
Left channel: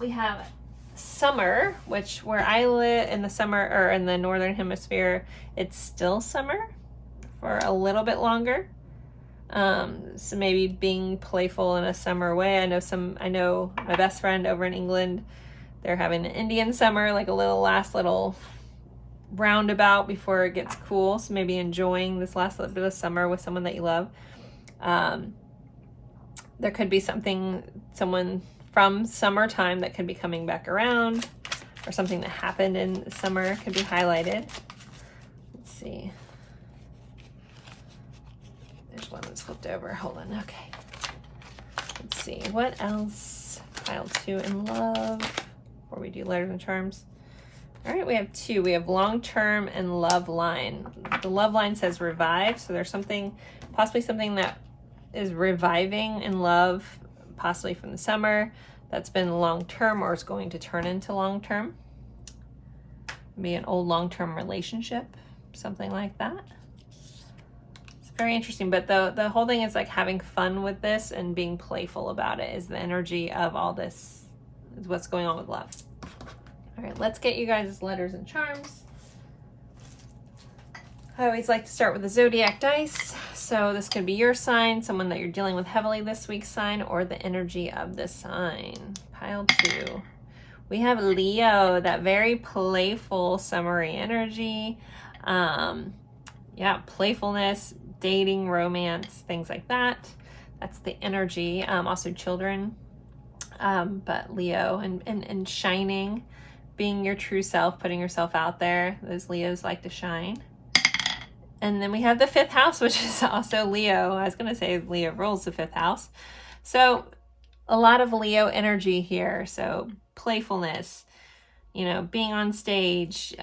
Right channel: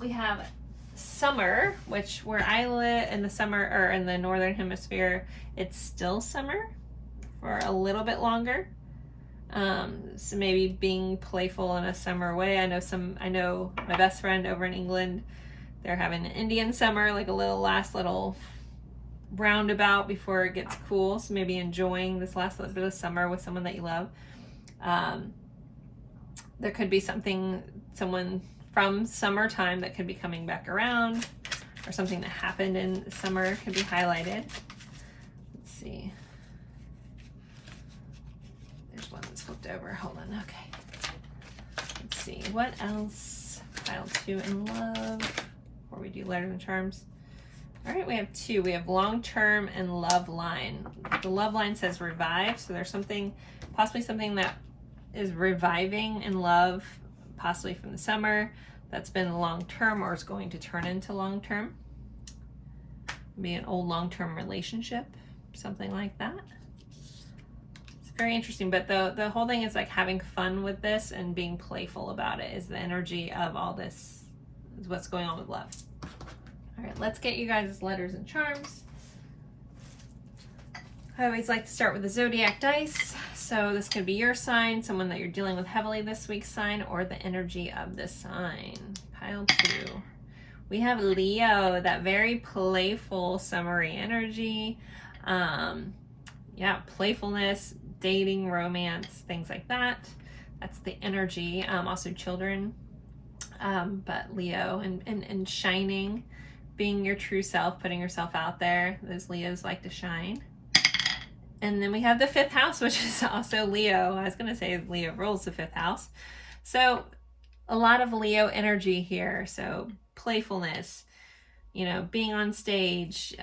We have summer, which where I live in the summer, or in the northern hemisphere, it's still summer for a little bit longer. So maybe being playful in a summer way. I know my best friend over in England, they're having an Indian summer, like a last little roundabout before it gets cool. So maybe enjoying this last little bit of summer with someone that you love. There could be someone from summertime that could be coming back around, or something that happened in summer could be highlighted. Let's see. There's one that's flipped over. Hold on. Okay. Let's see. What else? Pile 2 in love. Before we do letters and charms. All right, we have 2. We have long-term and love line. The love line says revive. So there's possibly something that is reviving in love, possibly from the summer that's been long-term or is going to turn into long-term. Be an old long-term relationship, something like that. It's very interesting, but the whole thing is like having fun with this and being playful about it is the energy of all this, is what's going on with love. All right, let's get you guys' letters and charms. I always like to start with the zodiac dice. So this could be your sign, someone that you're dealing with heavily this week's sign, or the energy of the sign. Pile 2. We have Leo, that very playful, summery energy. Yeah, playfulness, dating, romance, things like that. That's the energy. Also children, but Leo and shining, being your true self, putting yourself out there. Those Leos like to shine. And then we have the 5th house, which is also Leo. I was going to say Leo rules the 5th house. So a lot of Leo energy here. So playfulness, you know, being on stage,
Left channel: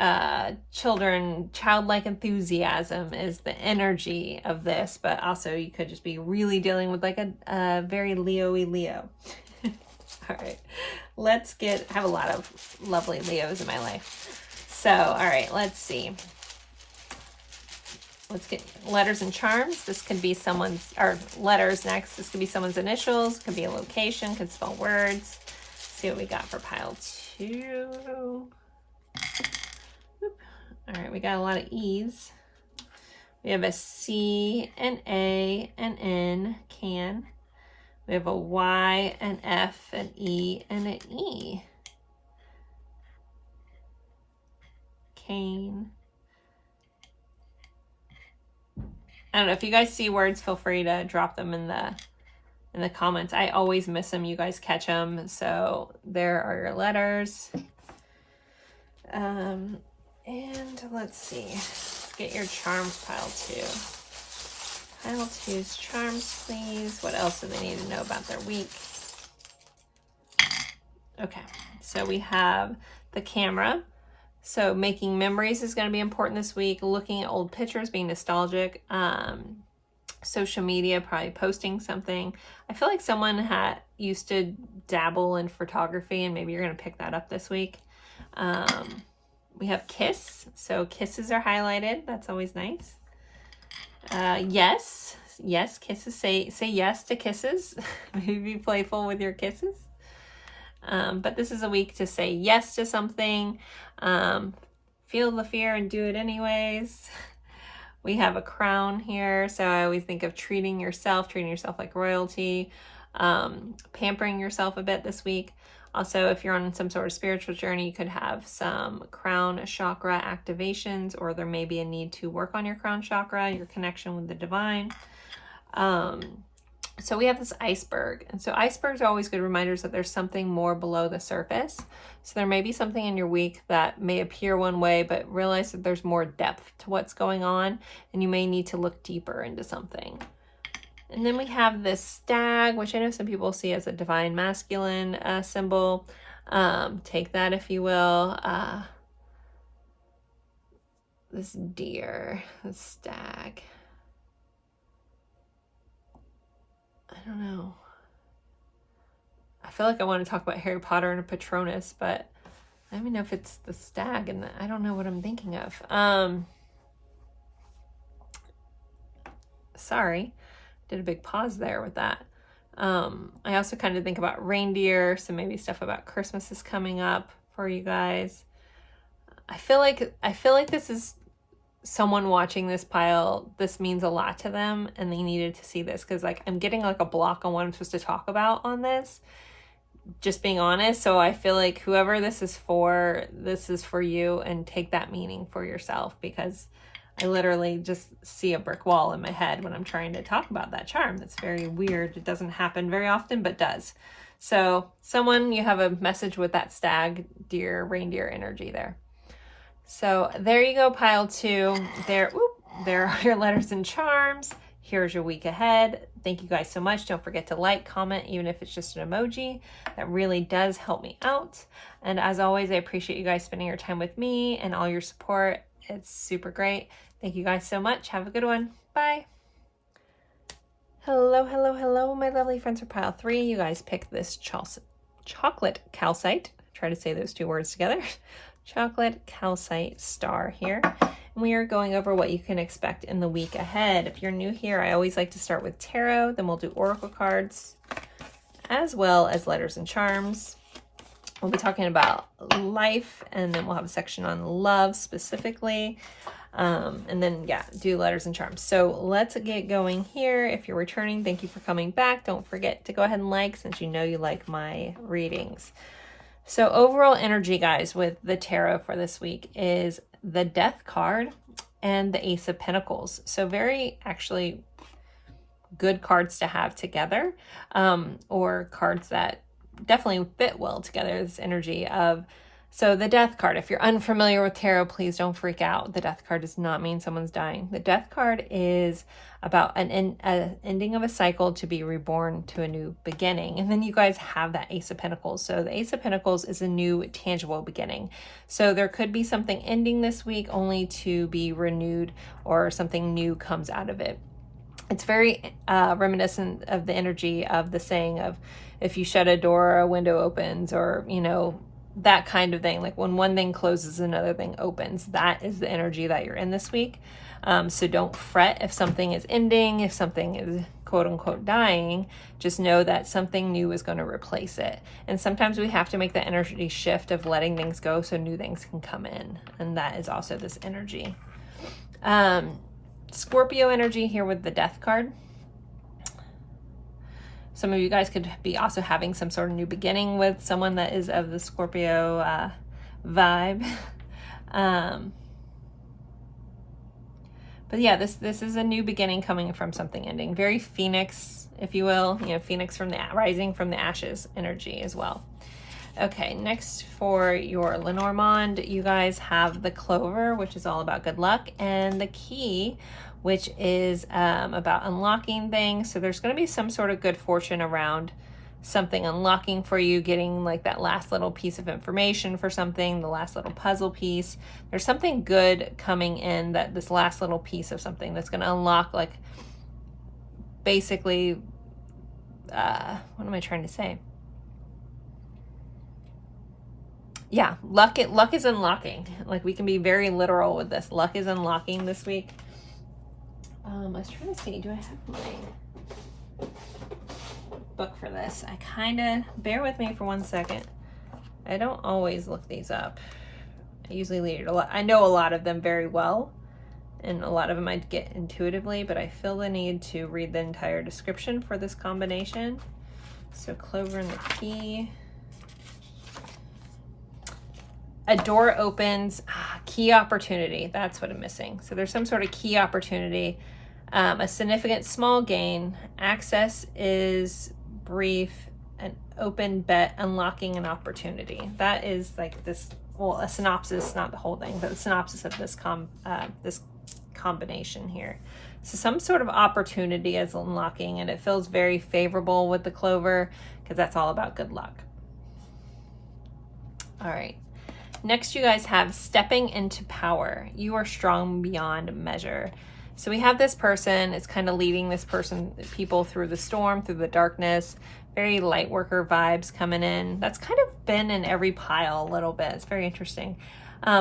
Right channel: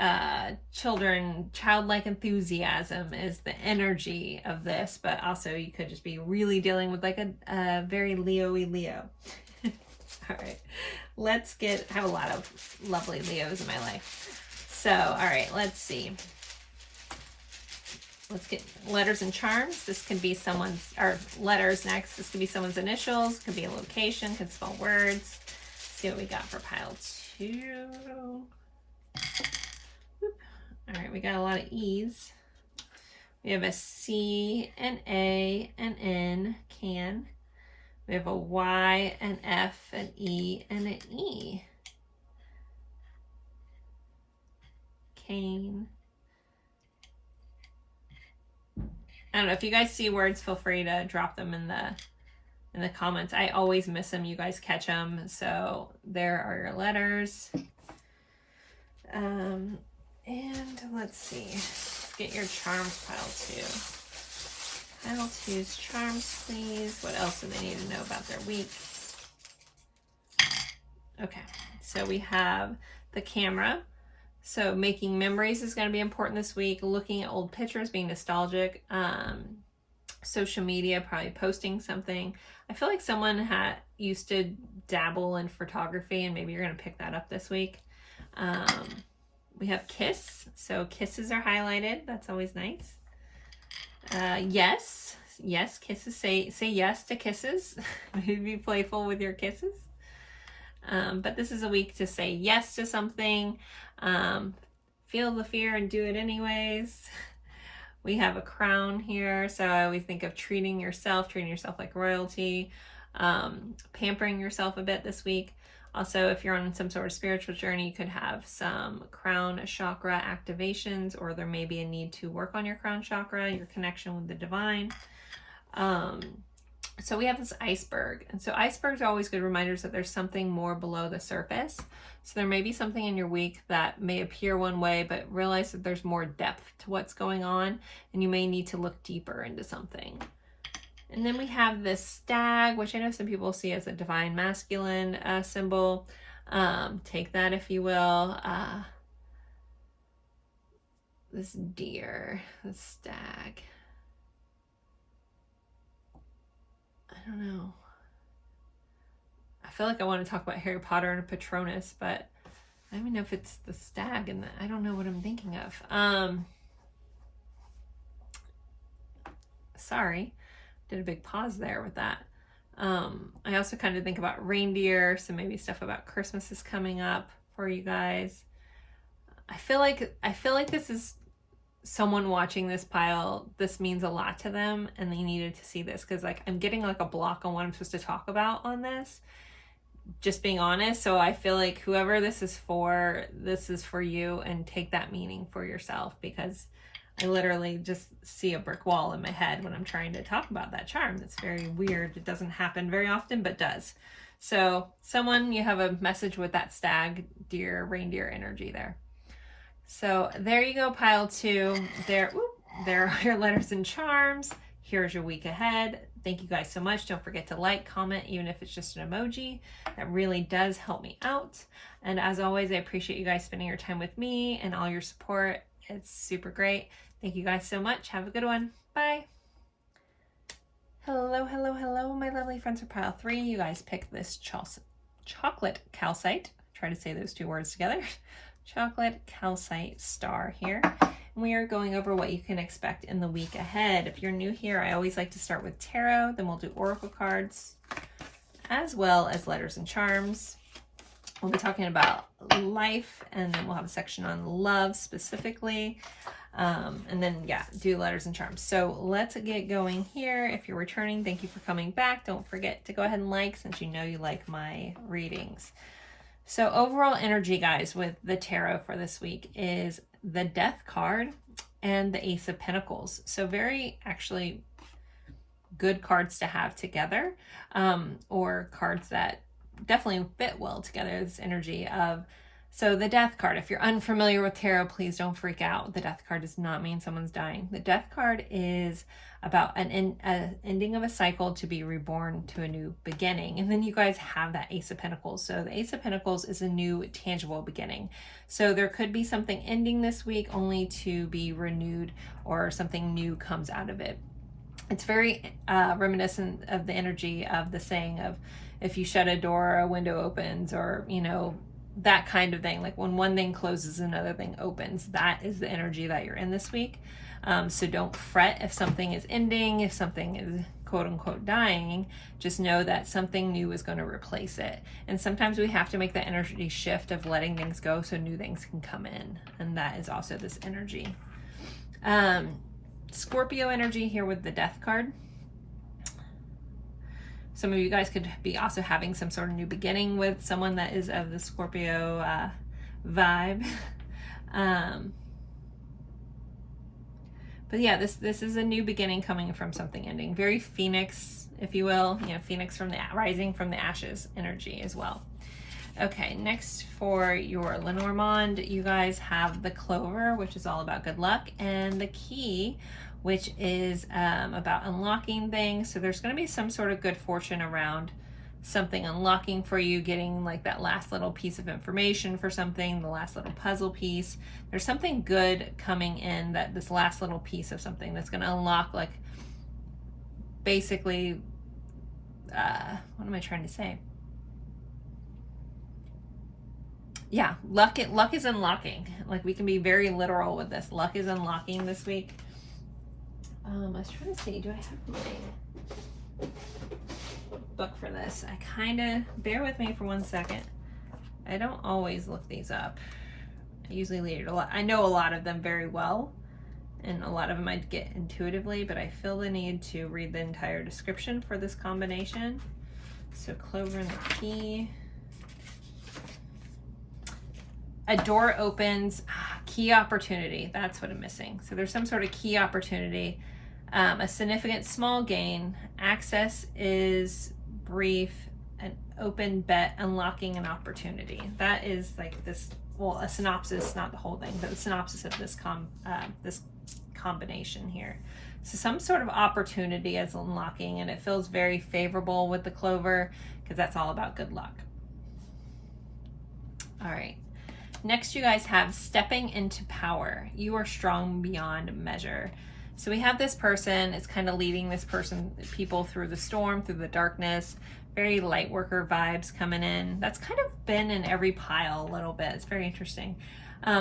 children, childlike enthusiasm is the energy of this. But also you could just be really dealing with like a very Leo-y Leo. All right, let's I have a lot of lovely Leos in my life. So, all right, let's see. Let's get letters and charms. This can be someone's, or letters next. This could be someone's initials, could be a location, could spell words. Let's see what we got for pile 2. All right, we got a lot of E's. We have a C, an A, an N, can. We have a Y, an F, an E, and an E. Cane. I don't know, if you guys see words, feel free to drop them in the comments. I always miss them. You guys catch them. So there are your letters. And let's see. Let's get your charms, pile 2. Pile 2's charms, please. What else do they need to know about their week? Okay, so we have the camera. So making memories is going to be important this week. Looking at old pictures, being nostalgic. Social media, probably posting something. I feel like someone used to dabble in photography, and maybe you're going to pick that up this week. We have kiss. So kisses are highlighted. That's always nice. Yes, kisses. Say yes to kisses. Maybe be playful with your kisses. But this is a week to say yes to something. Feel the fear and do it anyways. We have a crown here. So I always think of treating yourself like royalty, pampering yourself a bit this week. Also, if you're on some sort of spiritual journey, you could have some crown chakra activations, or there may be a need to work on your crown chakra, your connection with the divine. So we have this iceberg. And so icebergs are always good reminders that there's something more below the surface. So there may be something in your week that may appear one way, but realize that there's more depth to what's going on, and you may need to look deeper into something. And then we have this stag, which I know some people see as a divine masculine symbol. Take that if you will. This deer, this stag. I don't know. I feel like I want to talk about Harry Potter and a Patronus, but I don't even know if it's the stag, and I don't know what I'm thinking of. Sorry. Did a big pause there with that. I also kind of think about reindeer, so maybe stuff about Christmas is coming up for you guys. I feel like this is someone watching this pile. This means a lot to them, and they needed to see this, because like I'm getting like a block on what I'm supposed to talk about on this, just being honest. So I feel like whoever this is for you, and take that meaning for yourself, because I literally just see a brick wall in my head when I'm trying to talk about that charm. That's very weird. It doesn't happen very often, but does. So someone, you have a message with that stag, deer, reindeer energy there. So there you go, pile 2. There are your letters and charms. Here's your week ahead. Thank you guys so much. Don't forget to like, comment, even if it's just an emoji. That really does help me out. And as always, I appreciate you guys spending your time with me and all your support. It's super great. Thank you guys so much. Have a good one. Bye. Hello, hello, hello, my lovely friends for pile 3. You guys picked this chocolate calcite. Try to say those two words together. Chocolate calcite star here. And we are going over what you can expect in the week ahead. If you're new here, I always like to start with tarot, then we'll do oracle cards, as well as letters and charms. We'll be talking about life, and then we'll have a section on love specifically. And then, yeah, do letters and charms. So let's get going here. If you're returning, thank you for coming back. Don't forget to go ahead and like, since you know you like my readings. So overall energy, guys, with the tarot for this week is the Death card and the Ace of Pentacles. So very actually good cards to have together, or cards that definitely fit well together. This energy of, so the Death card, if you're unfamiliar with tarot, please don't freak out. The Death card does not mean someone's dying. The Death card is about an ending of a cycle to be reborn to a new beginning. And then you guys have that Ace of Pentacles. So the Ace of Pentacles is a new tangible beginning. So there could be something ending this week only to be renewed, or something new comes out of it. It's very reminiscent of the energy of the saying of, if you shut a door, a window opens, or, you know, that kind of thing. Like when one thing closes, another thing opens. That is the energy that you're in this week. So don't fret if something is ending, if something is quote unquote dying. Just know that something new is going to replace it. And sometimes we have to make the energy shift of letting things go so new things can come in. And that is also this energy. Scorpio energy here with the Death card. Some of you guys could be also having some sort of new beginning with someone that is of the Scorpio vibe. But yeah, this is a new beginning coming from something ending. Very Phoenix, if you will. You know, Phoenix from the rising from the ashes energy as well. Okay, next for your Lenormand, you guys have the Clover, which is all about good luck, and the Key, which is about unlocking things. So there's going to be some sort of good fortune around something unlocking for you, getting like that last little piece of information for something, the last little puzzle piece. There's something good coming in, that this last little piece of something that's going to unlock, like, basically, what am I trying to say? Yeah, luck is unlocking. Like, we can be very literal with this. Luck is unlocking this week. I was trying to see, do I have my book for this? I kind of, bear with me for 1 second. I don't always look these up. I usually read a lot. I know a lot of them very well, and a lot of them I get intuitively, but I feel the need to read the entire description for this combination. So Clover and the Key. A door opens, key opportunity. That's what I'm missing. So there's some sort of key opportunity, a significant small gain. Access is brief, an open bet, unlocking an opportunity. That is like this, well, a synopsis, not the whole thing, but the synopsis of this this combination here. So some sort of opportunity is unlocking, and it feels very favorable with the Clover, because that's all about good luck. All right. Next, you guys have stepping into power. You are strong beyond measure. So we have this person, it's kind of leading this people through the storm, through the darkness. Very light worker vibes coming in. That's kind of been in every pile a little bit. It's very interesting.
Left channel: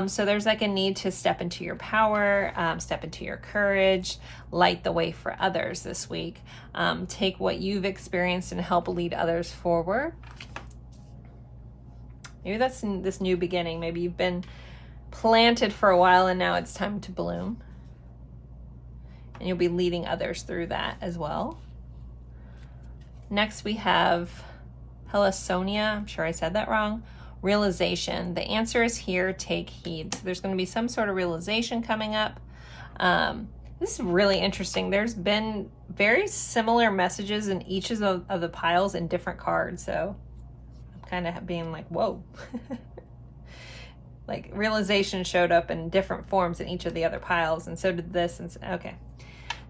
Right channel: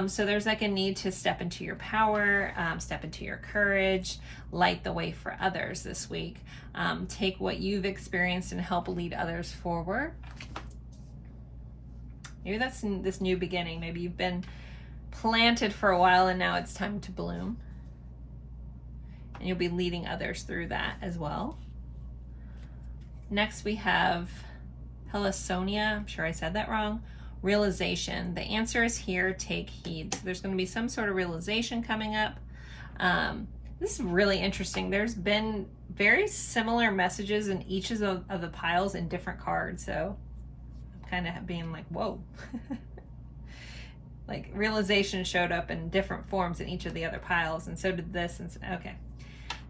So there's like a need to step into your power, step into your courage, light the way for others this week. Take what you've experienced and help lead others forward. Maybe that's in this new beginning. Maybe you've been planted for a while and now it's time to bloom. And you'll be leading others through that as well. Next we have Helisonia. I'm sure I said that wrong. Realization. The answer is here. Take heed. There's going to be some sort of realization coming up. This is really interesting. There's been very similar messages in each of the piles in different cards. So kind of being like, whoa. Like realization showed up in different forms in each of the other piles, and so did this. And okay,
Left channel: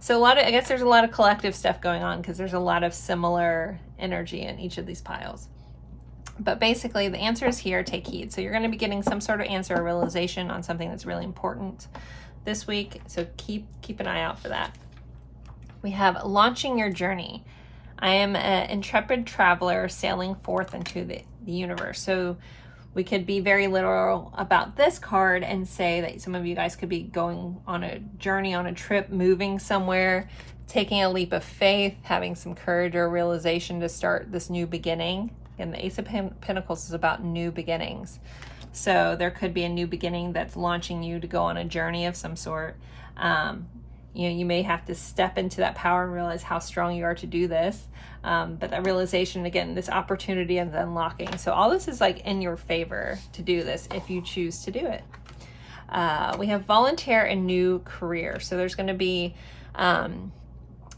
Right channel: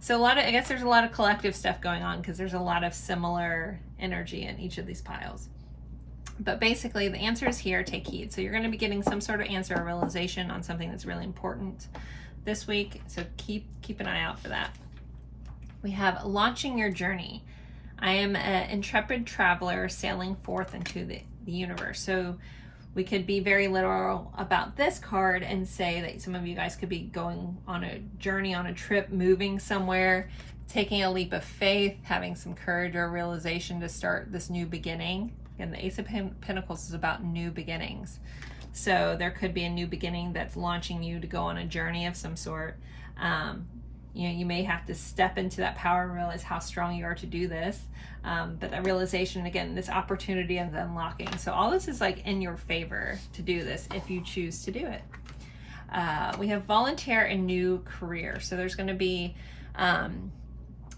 so I guess there's a lot of collective stuff going on, because there's a lot of similar energy in each of these piles. But basically the answer is here. Take heed. So you're going to be getting some sort of answer or realization on something that's really important this week, so keep an eye out for that. We have launching your journey. I am an intrepid traveler sailing forth into the universe. So we could be very literal about this card and say that some of you guys could be going on a journey, on a trip, moving somewhere, taking a leap of faith, having some courage or realization to start this new beginning. And the Ace of Pentacles is about new beginnings. So there could be a new beginning that's launching you to go on a journey of some sort. You may have to step into that power and realize how strong you are to do this. But that realization, again, this opportunity and the unlocking. So all this is like in your favor to do this if you choose to do it. We have volunteer and new career. So there's going to be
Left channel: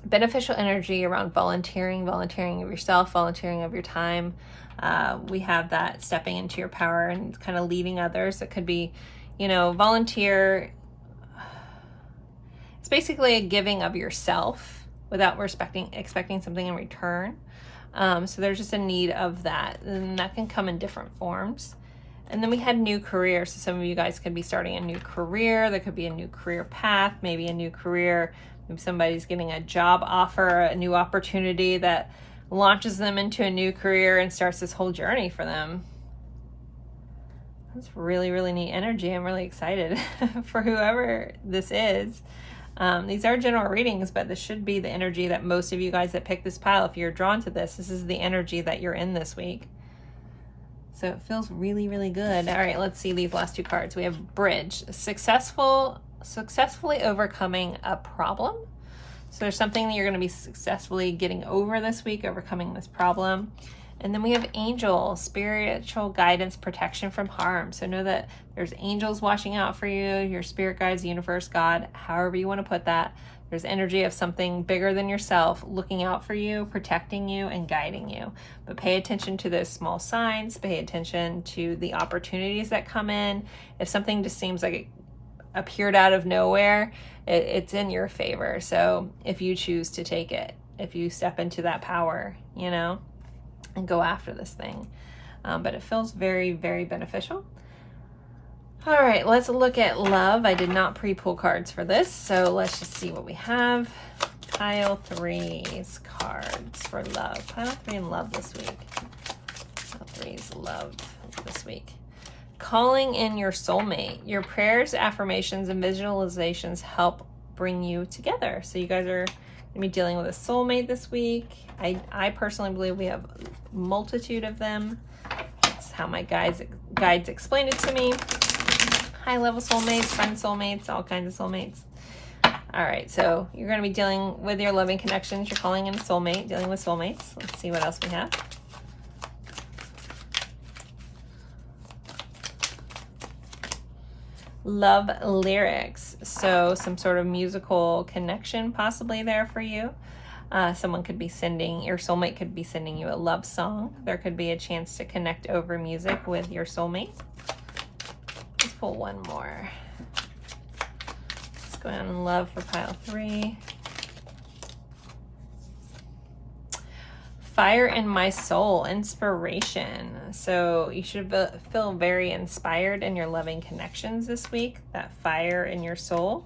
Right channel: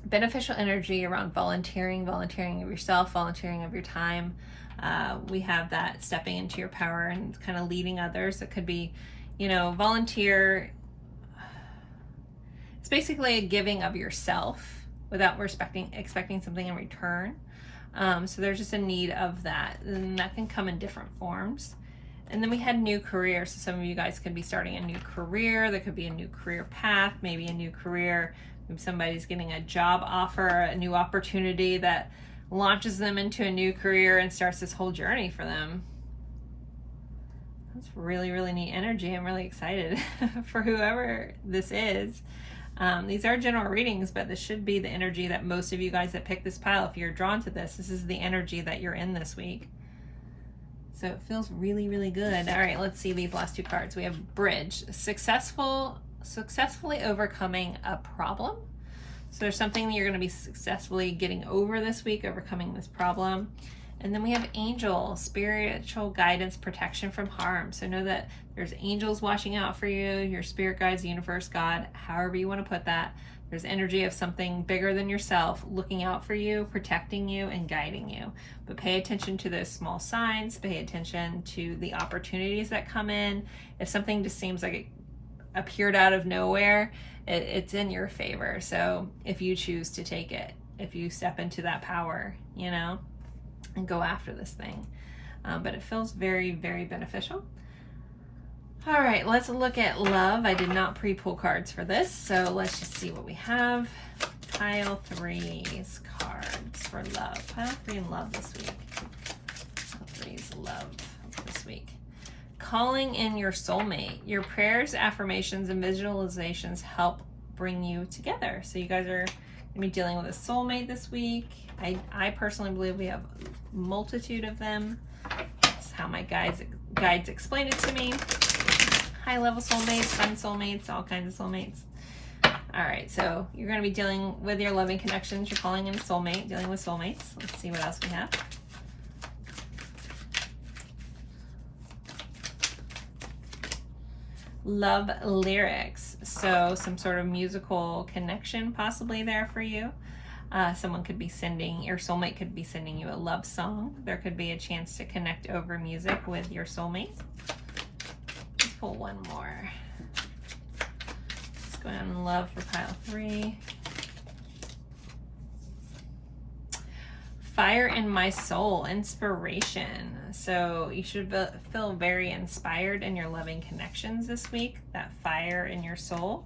beneficial energy around volunteering of yourself, volunteering of your time. We have that stepping into your power and kind of leading others. It could be, volunteer. It's basically a giving of yourself without expecting something in return. So there's just a need of that, and that can come in different forms. And then we had new career. So some of you guys could be starting a new career. There could be a new career path, maybe a new career. Maybe somebody's getting a job offer, a new opportunity that launches them into a new career and starts this whole journey for them. That's really, really neat energy. I'm really excited for whoever this is. These are general readings, but this should be the energy that most of you guys that pick this pile, if you're drawn to this is the energy that you're in this week. So it feels really, really good. All right, let's see these last two cards. We have Bridge, successfully overcoming a problem. So there's something that you're going to be successfully getting over this week, overcoming this problem. And then we have Angel, spiritual guidance, protection from harm. So know that there's angels watching out for you, your spirit guides, the universe, God, however you want to put that. There's energy of something bigger than yourself looking out for you, protecting you, and guiding you. But pay attention to those small signs. Pay attention to the opportunities that come in. If something just seems like it appeared out of nowhere, it's in your favor. So if you choose to take it, if you step into that power, and go after this thing. But it feels very, very beneficial. All right, let's look at love. I did not pre-pull cards for this, so let's just see what we have. Pile 3's cards for love. Pile 3 in love this week. Pile 3's love this week. Calling in your soulmate. Your prayers, affirmations, and visualizations help bring you together. So you guys are going to be dealing with a soulmate this week. I personally believe we have a multitude of them. That's how my guides explained it to me. High-level soulmates, friend soulmates, all kinds of soulmates. All right, so you're going to be dealing with your loving connections. You're calling in a soulmate, dealing with soulmates. Let's see what else we have. Love lyrics. So some sort of musical connection possibly there for you. Someone could be your soulmate could be sending you a love song. There could be a chance to connect over music with your soulmate. Let's pull one more. Let's go on love for pile 3. Fire in my soul, inspiration. So you should feel very inspired in your loving connections this week. That fire in your soul.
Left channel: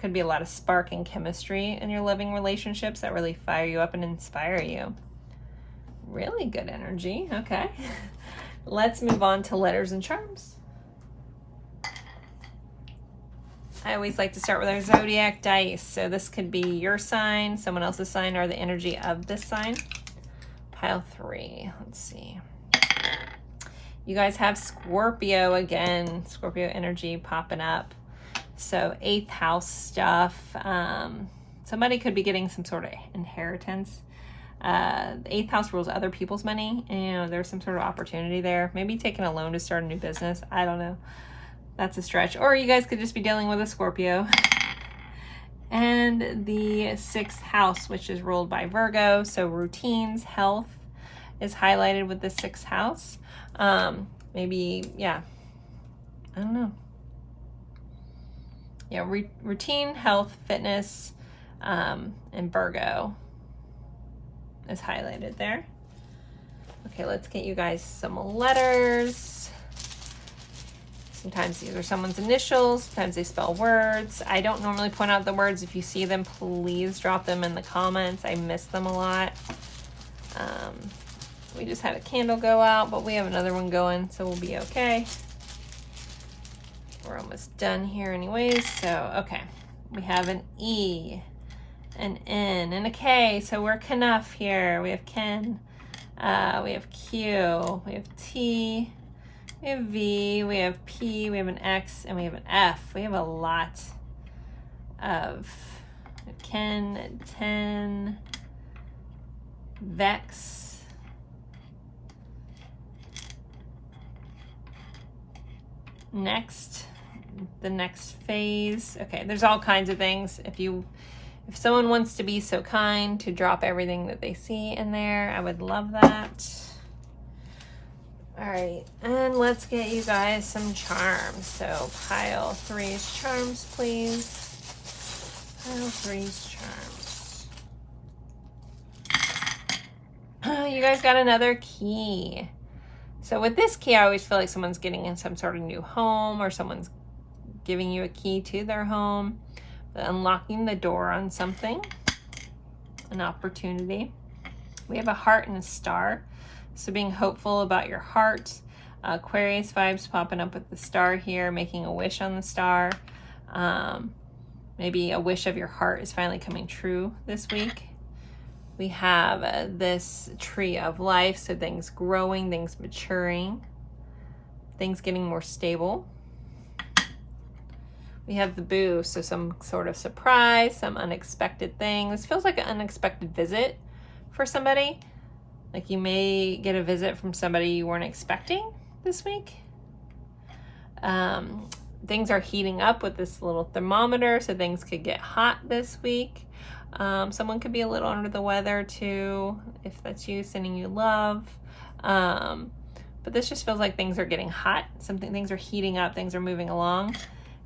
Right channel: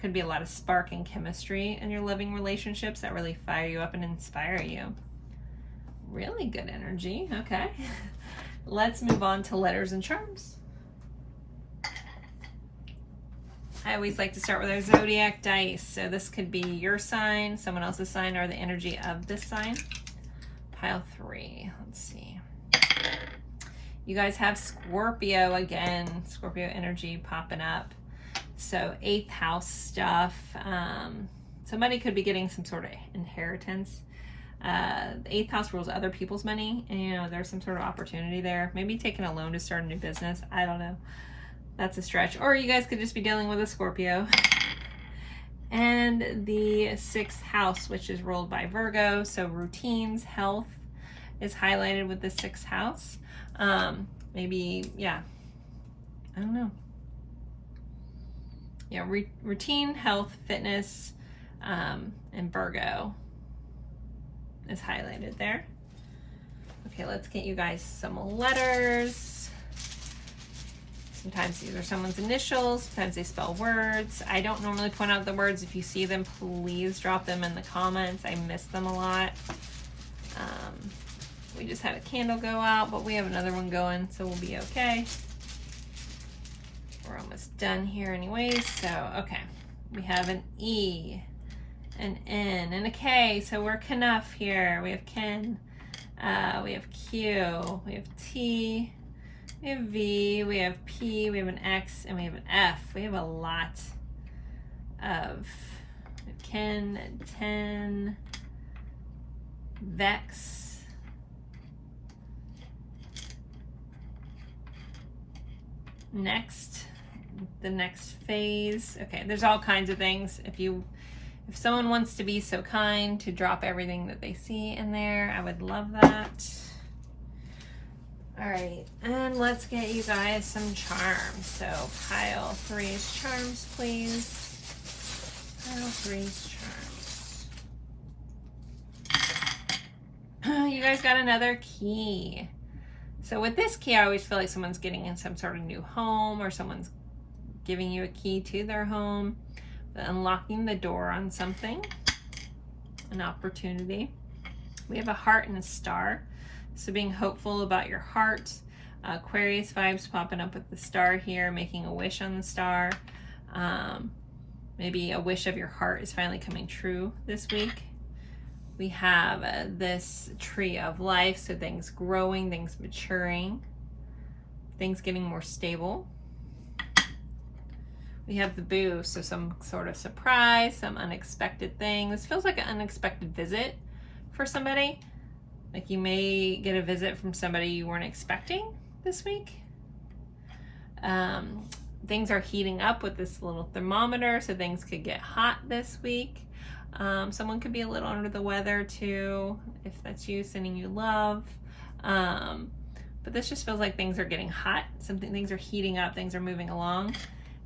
Could be a lot of spark and chemistry in your loving relationships that really fire you up and inspire you. Really good energy. Okay. Let's move on to letters and charms. I always like to start with our zodiac dice. So this could be your sign, someone else's sign, or the energy of this sign. Pile 3. Let's see. You guys have Scorpio again. Scorpio energy popping up. So 8th house stuff. Somebody could be getting some sort of inheritance. The 8th house rules other people's money. And, there's some sort of opportunity there. Maybe taking a loan to start a new business. I don't know. That's a stretch. Or you guys could just be dealing with a Scorpio. And the 6th house, which is ruled by Virgo. So routines, health is highlighted with the 6th house. Maybe, yeah. I don't know. Yeah, routine, health, fitness, and Virgo is highlighted there. Okay, let's get you guys some letters. Sometimes these are someone's initials, sometimes they spell words. I don't normally point out the words. If you see them, please drop them in the comments. I miss them a lot. We just had a candle go out, but we have another one going, so we'll be okay. We're almost done here anyways, so okay. We have an E, an N, and a K, so we're Knuff here. We have Ken, we have Q, we have T, we have V, we have P, we have an X, and we have an F. We have a lot of Ken, 10, Vex, next, the next phase. Okay, there's all kinds of things. If someone wants to be so kind to drop everything that they see in there, I would love that. All right, and let's get you guys some charms. So pile 3's charms, please. Pile 3's charms. You guys got another key. So with this key, I always feel like someone's getting in some sort of new home, or someone's giving you a key to their home, unlocking the door on something, an opportunity. We have a heart and a star. So being hopeful about your heart. Aquarius vibes popping up with the star here, making a wish on the star. Maybe a wish of your heart is finally coming true this week. We have this tree of life, so things growing, things maturing, things getting more stable. We have the boo, so some sort of surprise, some unexpected thing. This feels like an unexpected visit for somebody. Like you may get a visit from somebody you weren't expecting this week. Things are heating up with this little thermometer, so things could get hot this week. Someone could be a little under the weather too, if that's you, sending you love. But this just feels like things are getting hot. Things are heating up, things are moving along.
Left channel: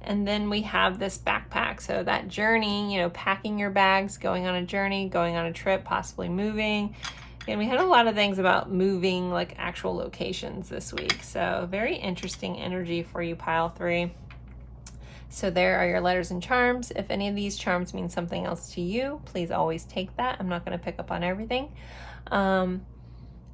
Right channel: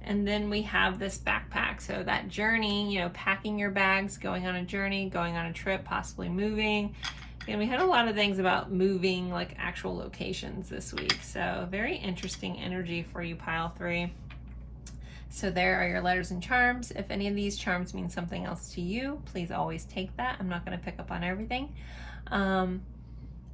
And then we have this backpack. So that journey, you know, packing your bags, going on a journey, going on a trip, possibly moving. And we had a lot of things about moving, like actual locations this week. So very interesting energy for you, pile 3. So there are your letters and charms. If any of these charms mean something else to you, please always take that. I'm not going to pick up on everything.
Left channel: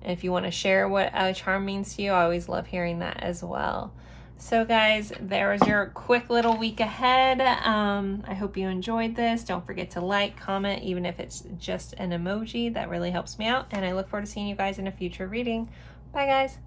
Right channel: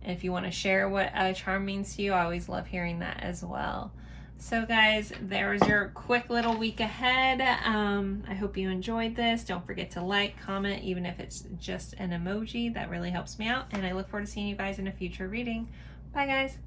If you want to share what a charm means to you, I always love hearing that as well. So guys, there's your quick little week ahead. I hope you enjoyed this. Don't forget to like, comment, even if it's just an emoji. That really helps me out. And I look forward to seeing you guys in a future reading. Bye guys.